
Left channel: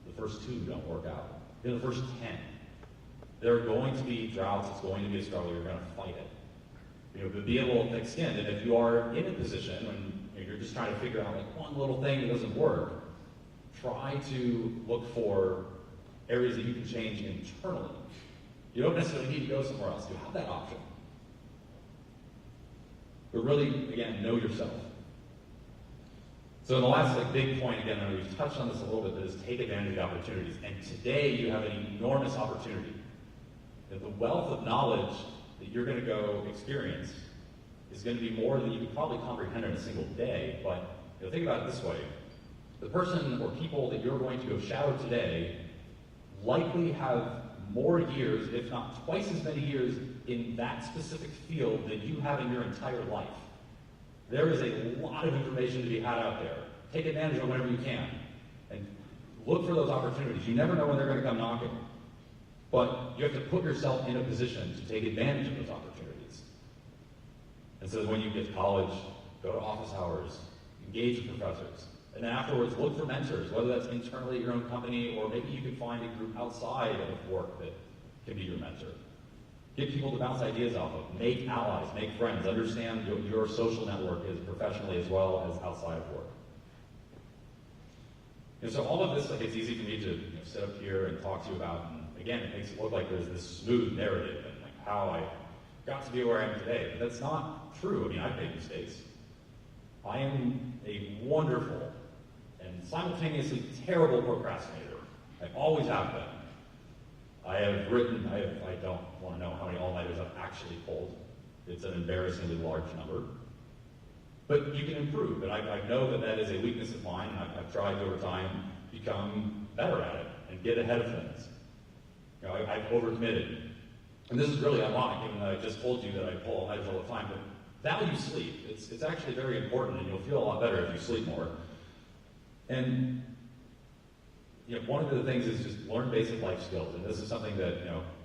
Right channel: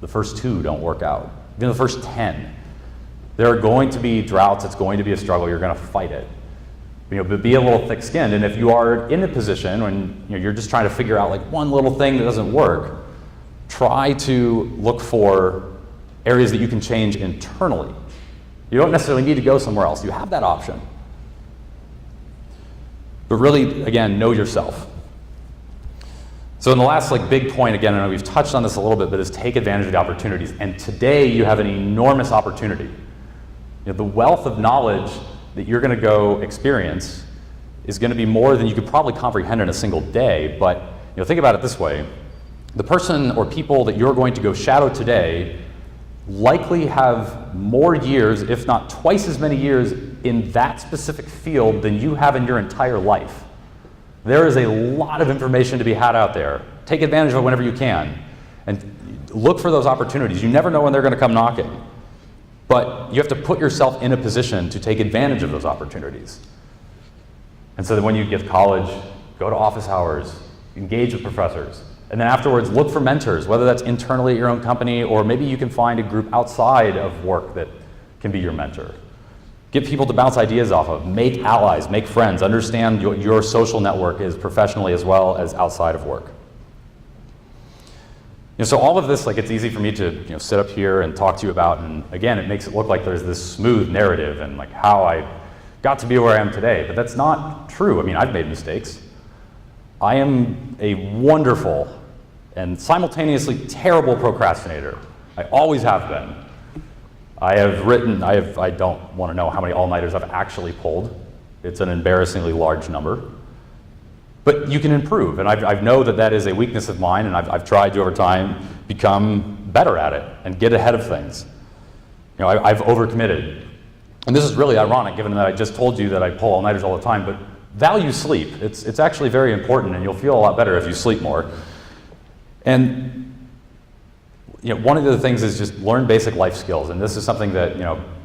the first 2 don't work out, even the first 10. There are going to be droughts, it's going to be a struggle, you're going to fight it. But be a little thick-skinned, and if you are in a position when you're just trying to figure out one little thing that doesn't work, try to look for areas that you can change internally. You don't necessarily need to go somewhere else. You have that option. But really, again, know yourself. So in the last big point, again, I know we've touched on this a little bit, but is take advantage of the opportunities. And today you have an enormous opportunity. The wealth of knowledge that you're going to go experience is going to be more than you could probably comprehend in a single day, but think about it this way. The person or people that you're going to go shadow today likely have more years, if not twice as many years, in that specific field than you have in your entire life. There is a lot of information to be had out there. Take advantage of it whenever you can. And look for those opportunities. You never know when they're going to come knocking. But you have to put yourself in a position to take advantage of those opportunities. And so that when you get to college, go to office hours, engage with professors. And then afterwards, look for mentors, whether that's internally at your own company, or maybe you can find a group outside of work that can be your mentor. Get people to bounce ideas off of, make allies, make friends, understand your social network is professionally as well as outside of work. So all of this, it's easy for me to sit up here and talk to you about, and again, it makes it look like there's this smooth narrative and how I got to be where I am today, but that's not true. I mean, I've made mistakes. I am a wonderful and simultaneously terrible procrastinator. I always have been. I don't want to know how many all-nighters I've actually pulled. It's an embarrassingly large number. But you can improve, and I know that is a weakness of mine, and I've tried to over time become better at it and get ahead of things. I've overcommitted. And this is really ironic given that I just told you that I pull all-nighters all the time, but value sleep. It's actually very important, and you'll feel a lot better if you sleep more. And one of the things is just learn basic life skills, and this is something that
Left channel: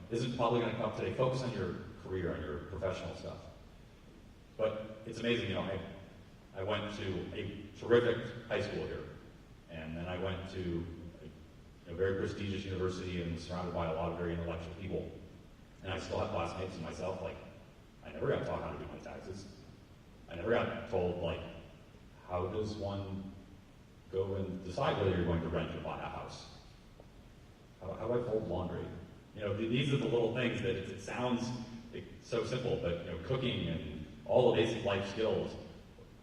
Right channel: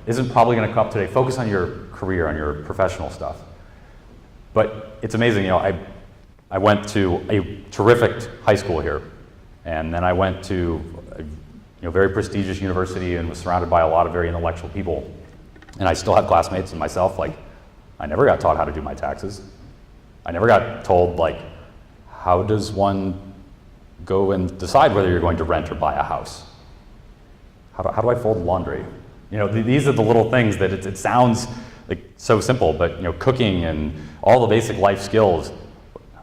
isn't probably going to come up today. Focus on your career, on your professional stuff. But it's amazing. I went to a terrific high school here, and then I went to a very prestigious university and was surrounded by a lot of very intellectual people. And I still have classmates and myself. I never got taught how to do my taxes. I never got told how does one go and decide whether you're going to rent or buy a house? How do I fold laundry? These are the little things that it sounds so simple, but cooking and all the basic life skills.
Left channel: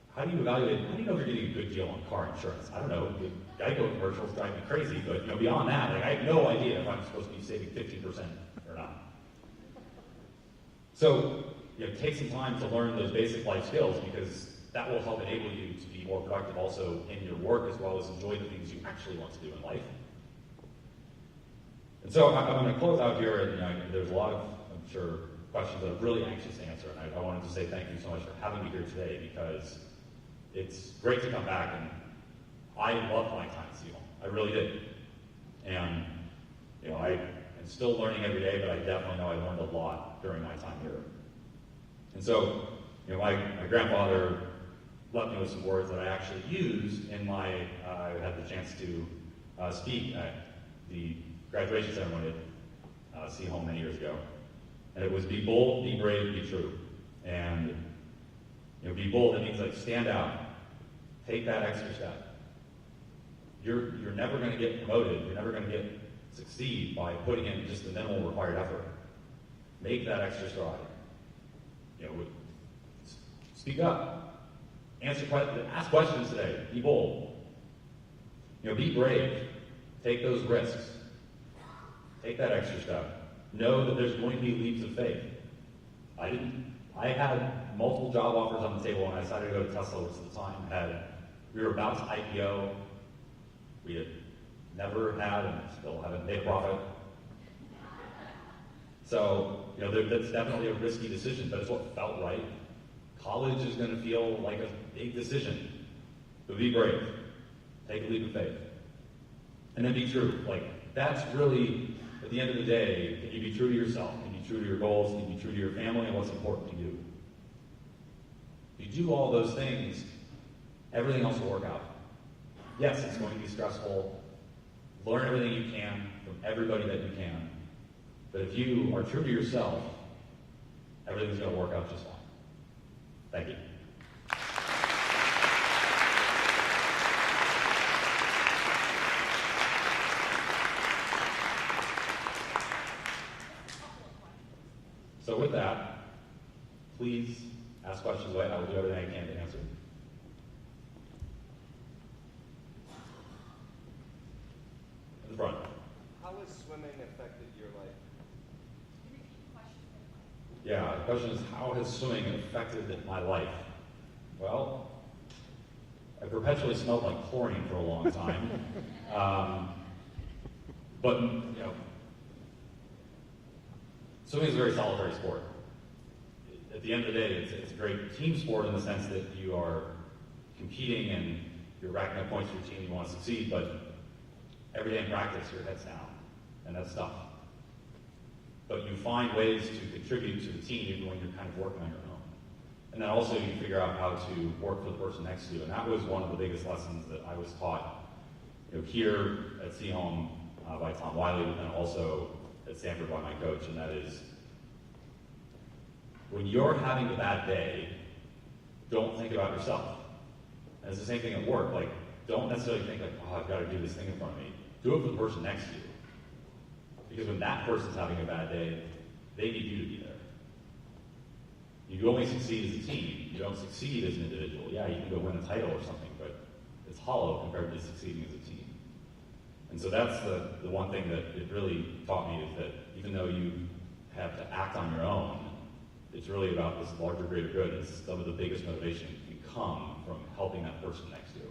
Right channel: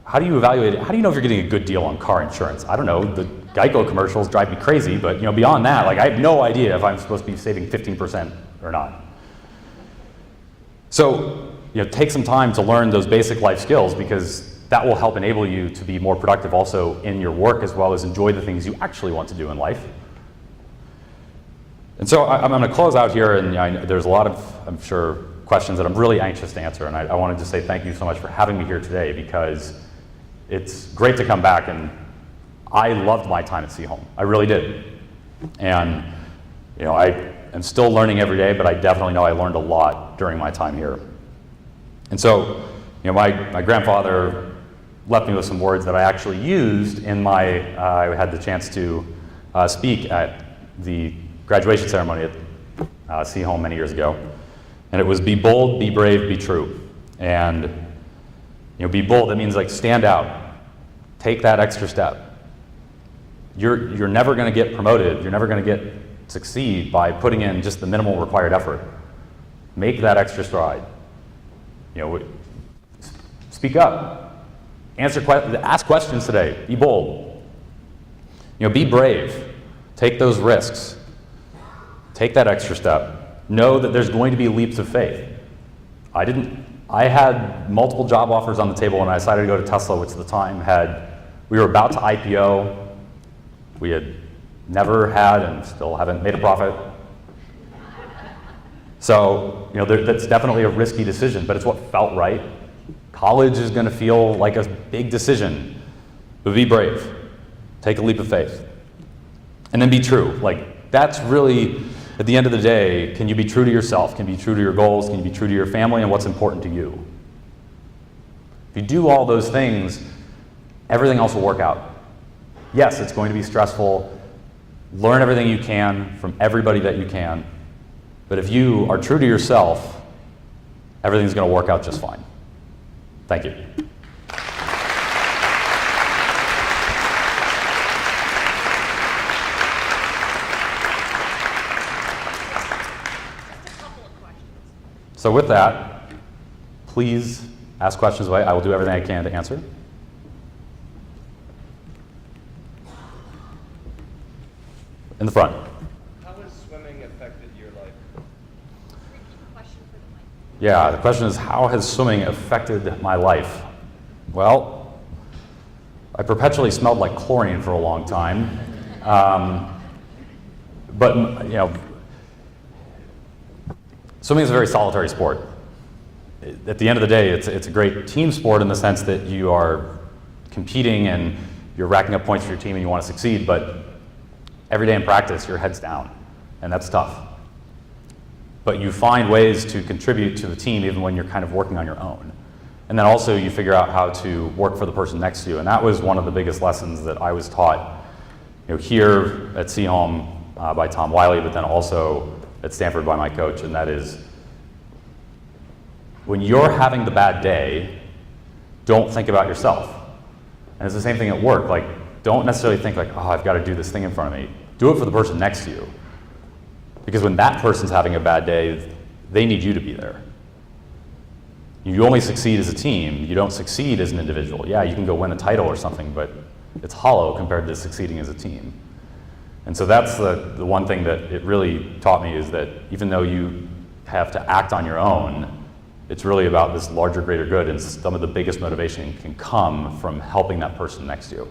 How do you evaluate it? How do you know if you're getting a good deal on car insurance? I don't know. The Geico commercials drive me crazy, but beyond that, I have no idea if I'm supposed to be saving 15% or not. So take some time to learn those basic life skills, because that will help enable you to be more productive also in your work, as well as enjoy the things you actually want to do in life. And so I'm going to close out here, and there's a lot of, I'm sure, questions that I'm really anxious to answer, and I wanted to say thank you so much for having me here today, because it's great to come back, and I loved my time at Seaholm. I really did. And I am still learning every day, but I definitely know I learned a lot during my time here. And so, my grandfather left me with some words that I actually used in I had the chance to speak at the graduation ceremony at Seaholm many years ago. And it was, be bold, be brave, be true. And be bold, that means stand out. Take that extra step. You're never going to get promoted. You're never going to succeed by putting in just the minimal required effort. Make that extra stride. Speak up. Ask questions today. Be bold. Be brave. Take those risks. Take that extra step. Know that there's going to be leaps of faith. I had multiple job offers on the table when I decided to go to Tesla, which at the time we were about to IPO. We had never had and still haven't made a profit. So, that's definitely a risky decision, but it's what felt right. College is going to feel like a big decision, but be brave. Take a leap of faith. And then be true. That's really, at the end of the day, can you be true to yourself? Can you be true to your goals? Can you be true to your family and what's important to you? If you do all those things, everything else will work out. Yes, it's going to be stressful. Learn everything you can from everybody that you can. But if you are true to yourself, everything's going to work out just fine. Thank you. So with that, please ask questions away. I will do everything I can to answer. In the front. How has swimming affected your life? Yeah, the question is, how has swimming affected my life? Well, I perpetually smelled like chlorine for a long time. But you know, swimming is a very solitary sport. At the end of the day, it's a great team sport in the sense that you are competing and you're racking up points for your team and you want to succeed, but every day in practice, your head's down, and that's tough. But you find ways to contribute to the team even when you're kind of working on your own. And then also you figure out how to work for the person next to you, and that was one of the biggest lessons that I was taught, you know, here at Seaholm by Tom Wiley, but then also at Stanford by my coach, and that is, when you're having the bad day, don't think about yourself. And it's the same thing at work. Like, don't necessarily think like, oh, I've got to do this thing in front of me. Do it for the person next to you. Because when that person's having a bad day, they need you to be there. You only succeed as a team. You don't succeed as an individual. Yeah, you can go win a title or something, but it's hollow compared to succeeding as a team. And so that's the one thing that it really taught me, is that even though you have to act on your own, it's really about this larger, greater good, and some of the biggest motivation can come from helping that person next to you.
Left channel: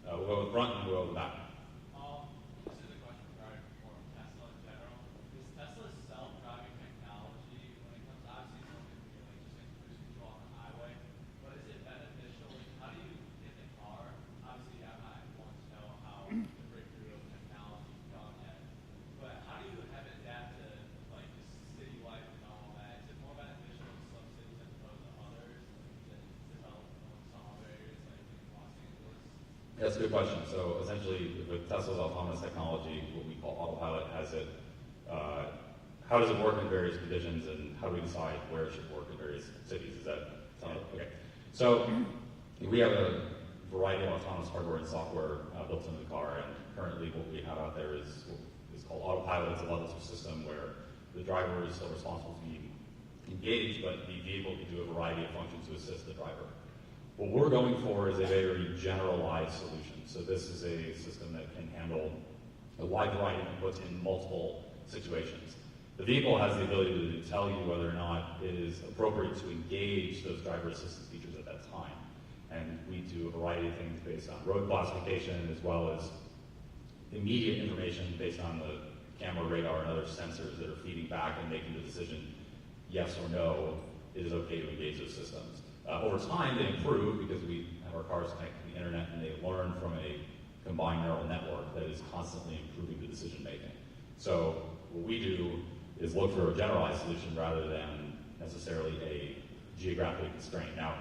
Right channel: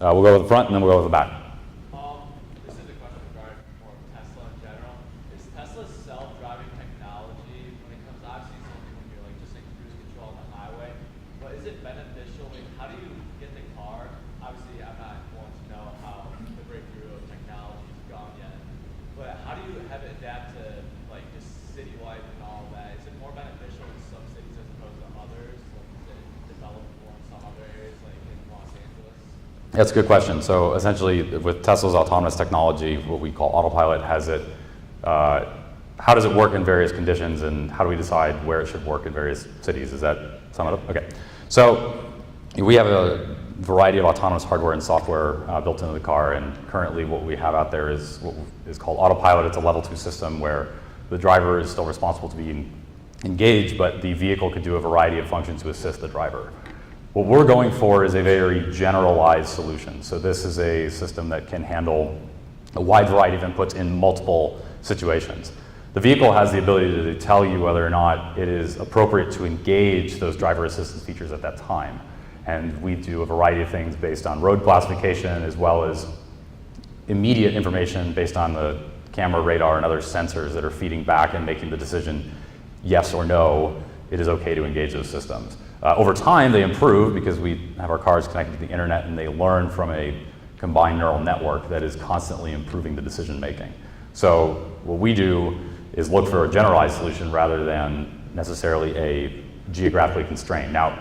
We'll go with the front and then we'll go with the back. This is a question regarding more Tesla in general. Is Tesla's self-driving technology, when it comes to, obviously it's only when you're like just in cruise control on the highway, but is it beneficial? Like, how do you get the car? Obviously, I'm not going to know how the breakthrough of technology has gone yet, but how do you have it adapt to like just city life and all of that? Is it more beneficial in some cities as opposed to others? Like, is it developed more in some other areas, like in Los Angeles? That's a good question. So essentially, with Tesla's autonomous technology, what we call autopilot has it, how does it work in various conditions, and how do we decide where it should work in various cities? Is that sum it up? Okay. So we have a variety of autonomous hardware and software built into the car, and currently what we have out there is what is called autopilot. It's a level 2 system where the driver is still responsible to be engaged, but the vehicle could do a variety of functions to assist the driver. What we're going for is a very generalized solution. So this is a system that can handle a wide variety of inputs in multiple situations. The vehicle has the ability to tell you whether or not it is appropriate to engage those driver assistance features at that time. And we do a variety of things based on road classification, as well as immediate information based on the camera, radar, and other sensors that are feeding back and making the decision, yes or no, it is okay to engage those systems. Over time, they improve because we have our cars connected to the internet, and they learn from a combined neural network that is constantly improving the decision making. So what we do is look for a generalized solution rather than necessarily a geographically constrained. Now,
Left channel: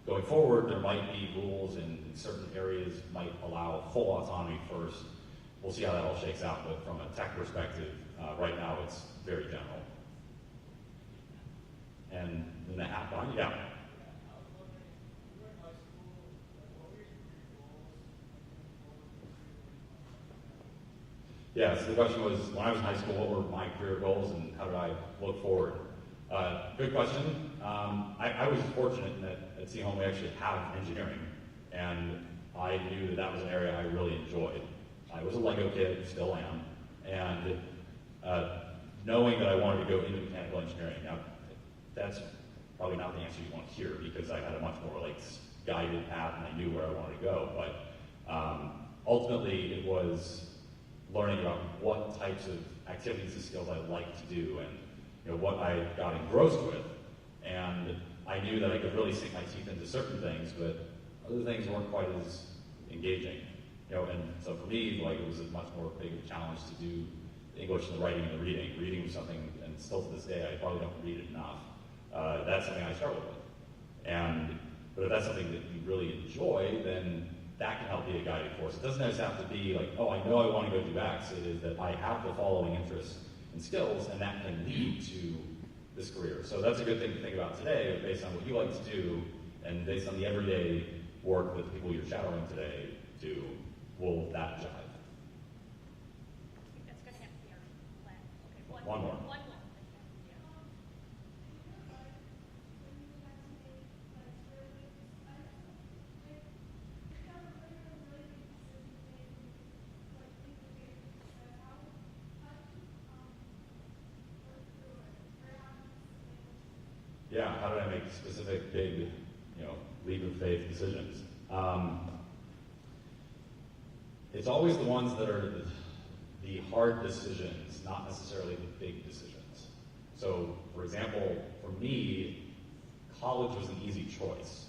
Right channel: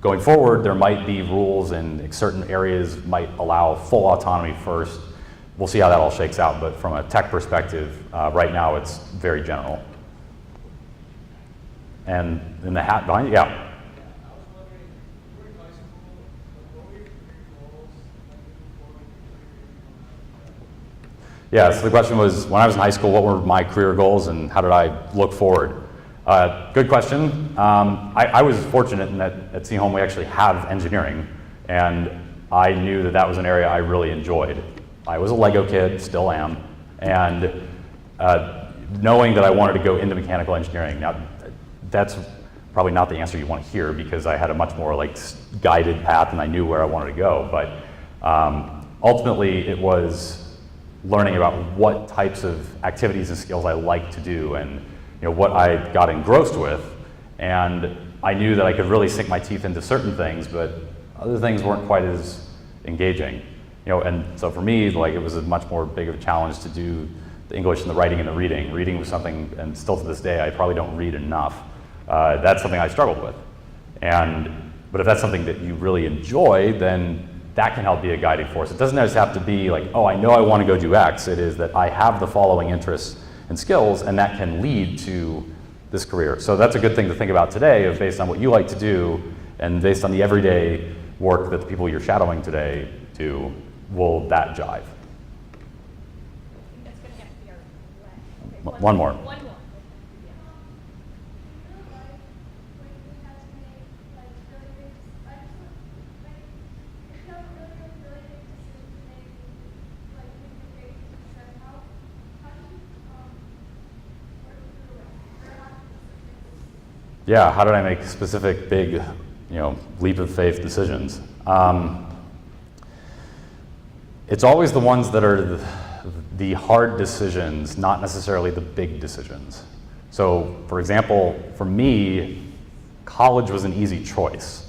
going forward, there might be rules, and certain areas might allow full autonomy first. We'll see how that all shakes out, but from a tech perspective, right now it's very general. And in the hat behind you, yeah. Yeah, so the question was, when I was in high school, what were my career goals and how did I look forward? Good question. I was fortunate in that at Seaholm we actually have engineering, and I knew that that was an area I really enjoyed. I was a Lego kid, still am, and knowing that I wanted to go into mechanical engineering. Now, that's probably not the answer you want to hear, because I had a much more like guided path and I knew where I wanted to go, but ultimately it was learning about what types of activities and skills I like to do, and what I got engrossed with. And I knew that I could really sink my teeth into certain things, but other things weren't quite as engaging. And so for me, like, it was a much more big of a challenge to do the English and the writing and the reading. Reading was something, and still to this day, I probably don't read enough. That's something I struggled with. But if that's something that you really enjoy, then that can help be a guiding force. It doesn't just have to be like, oh, I know I want to go do X. It is that I have the following interests and skills, and that can lead to this career. So that's a good thing to think about today, of based on what you like to do, and based on the everyday work that the people you're shadowing today do, will that jive? One more. Yeah, how did I make specific, big, leap of faith decisions? It's always the ones that are the hard decisions, not necessarily the big decisions. So, for example, for me, college was an easy choice.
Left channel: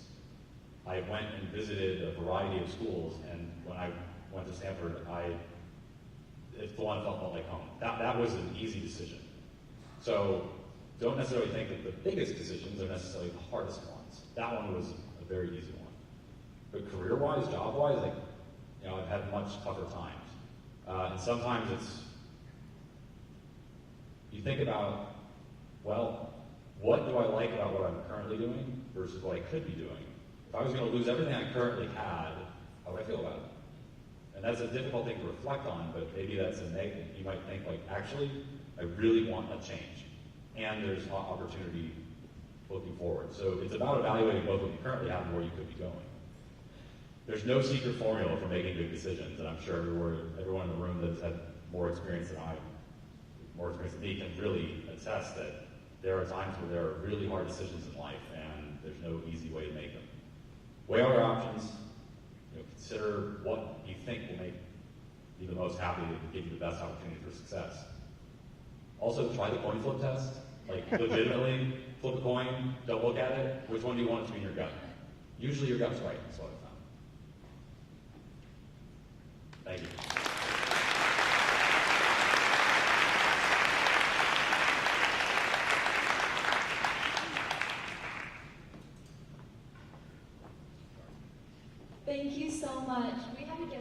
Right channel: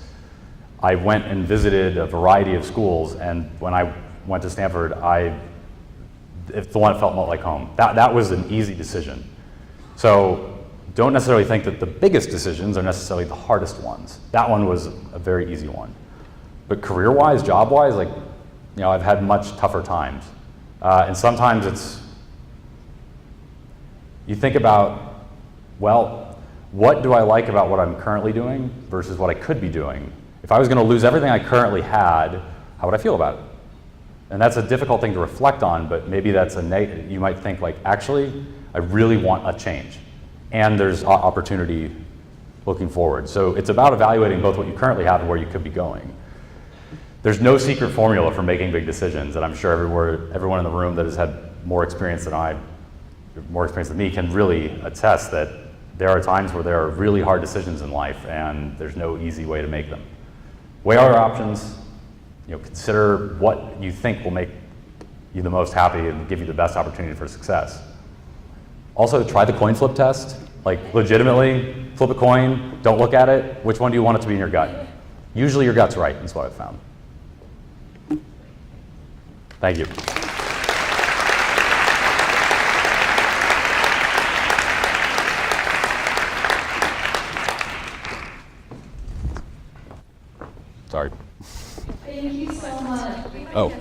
I went and visited a variety of schools, and when I went to Stanford, it's the one that felt more like home. That was an easy decision. So don't necessarily think that the biggest decisions are necessarily the hardest ones. That one was a very easy one. But career-wise, job-wise, I've had much tougher times. And sometimes you think about, well, what do I like about what I'm currently doing versus what I could be doing? If I was going to lose everything I currently had, how would I feel about it? And that's a difficult thing to reflect on, but maybe that's you might think actually, I really want a change. And there's opportunity looking forward. So it's about evaluating both what you currently have and where you could be going. There's no secret formula for making big decisions, and I'm sure everyone in the room that has had more experience than me can really attest that there are times where there are really hard decisions in life, and there's no easy way to make them. Weigh all your options. Consider what you think will make you the most happy and give you the best opportunity for success. Also, try the coin flip test. Legitimately, flip a coin, don't look at it. Which one do you want it to be in your gut? Usually your gut's right, that's what I've found. Thank you. Sorry. Thank you so much. Oh.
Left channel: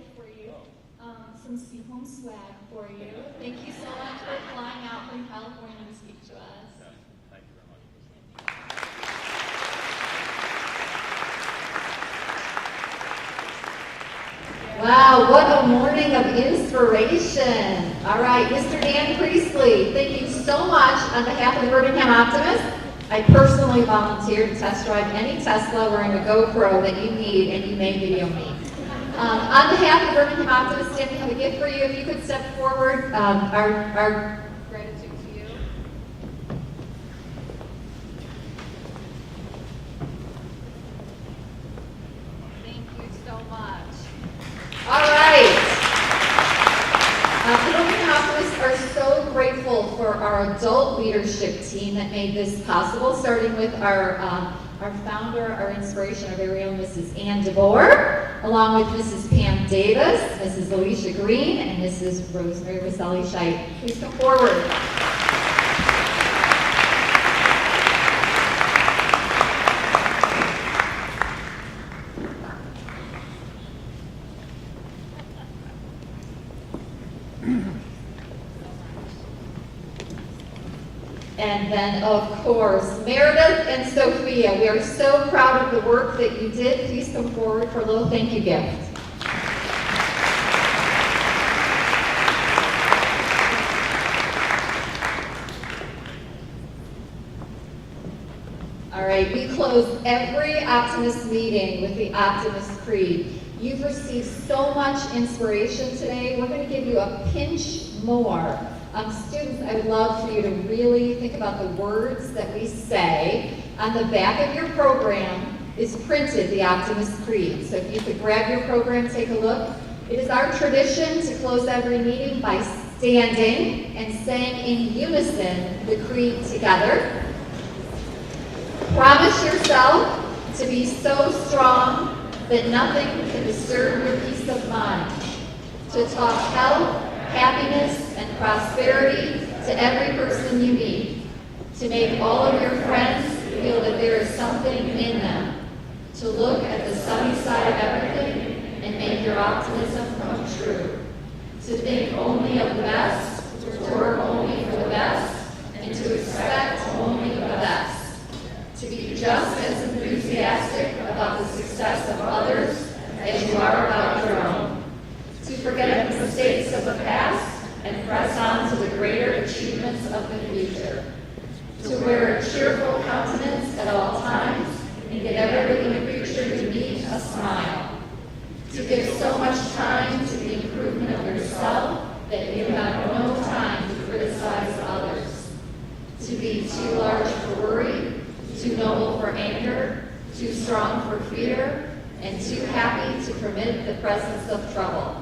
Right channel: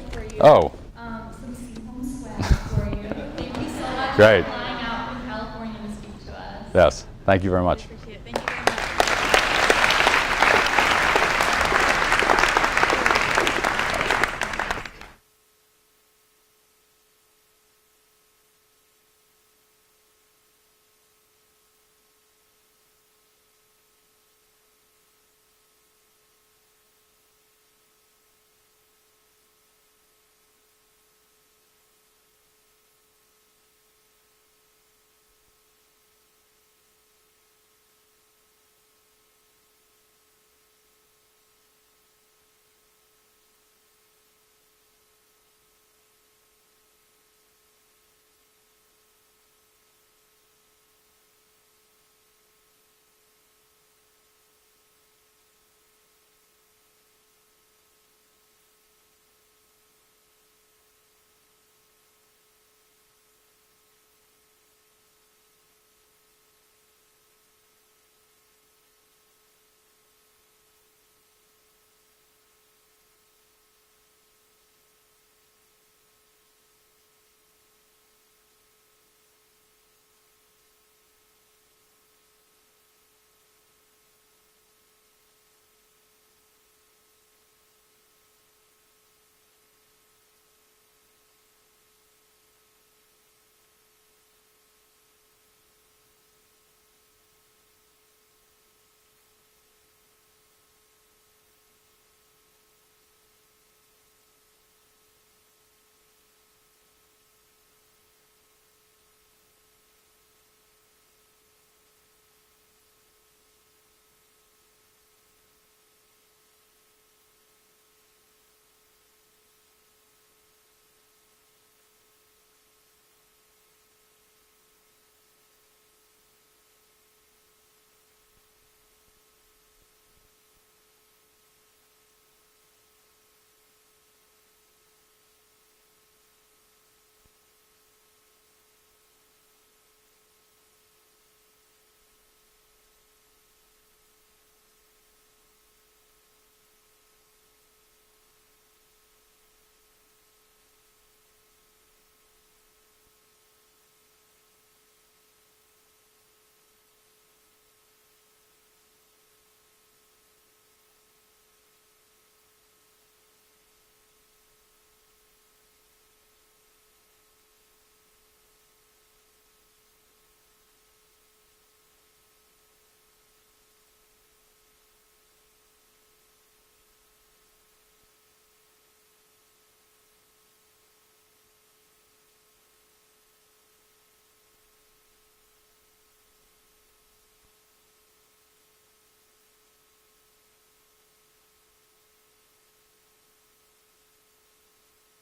Oh. Some Seaholm swag for you. Thank you so much Great. for flying out from California to speak to us. Yes. Thank you very much. Appreciate it. Thank you very much. Wow, what a morning of inspiration. All right, Mr. Dan Priestley, thank you so much on behalf of the Birmingham Optimist. I personally volunteered to test drive any Tesla wearing a GoPro that you need, and you may video me. On behalf of the Birmingham Optimist, Dan, we have a gift for you. If you could step forward, our gratitude to you. Thank you so much. All right. The Birmingham Optimists are so grateful for our adult leadership team that made this possible, starting with our founder, our inspiration, our very own Mrs. Ann DeVore, along with Mrs. Pam Davis, Mrs. Alicia Green, and Mrs. Rosemary Roselli-Scheidt. Please come forward. And then, of course, Meredith and Sophia. We are so proud of the work that you did. Please come forward for a little thank you gift. All right, we close every Optimist meeting with the Optimist Creed. You've received so much inspiration today. We're going to give you a pinch more. Students, I would love for you to really think about the words that we say. On the back of your program is printed the Optimist Creed. So if you could grab your program, take a look. It is our tradition to close every meeting by standing and saying in unison the creed together. Promise yourself to be so strong that nothing can disturb your peace of mind. To talk health, happiness, and prosperity to every person you meet. To make all of your friends feel that there is something in them. To look at the sunny side of everything and make your optimism come true. To think only of the best, to work only for the best, and to expect only the best. To be just as enthusiastic about the success of others as you are about your own. To forget the mistakes of the past and press on to the greater achievements of the future. To wear a cheerful countenance at all times and give every living creature you meet a smile. To give so much time to the improvement of yourself that you have no time to criticize others. To be too large for worry, too anger, too strong for fear, and too happy to permit the presence of trouble.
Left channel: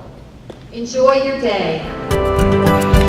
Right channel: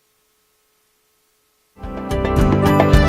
Enjoy your day.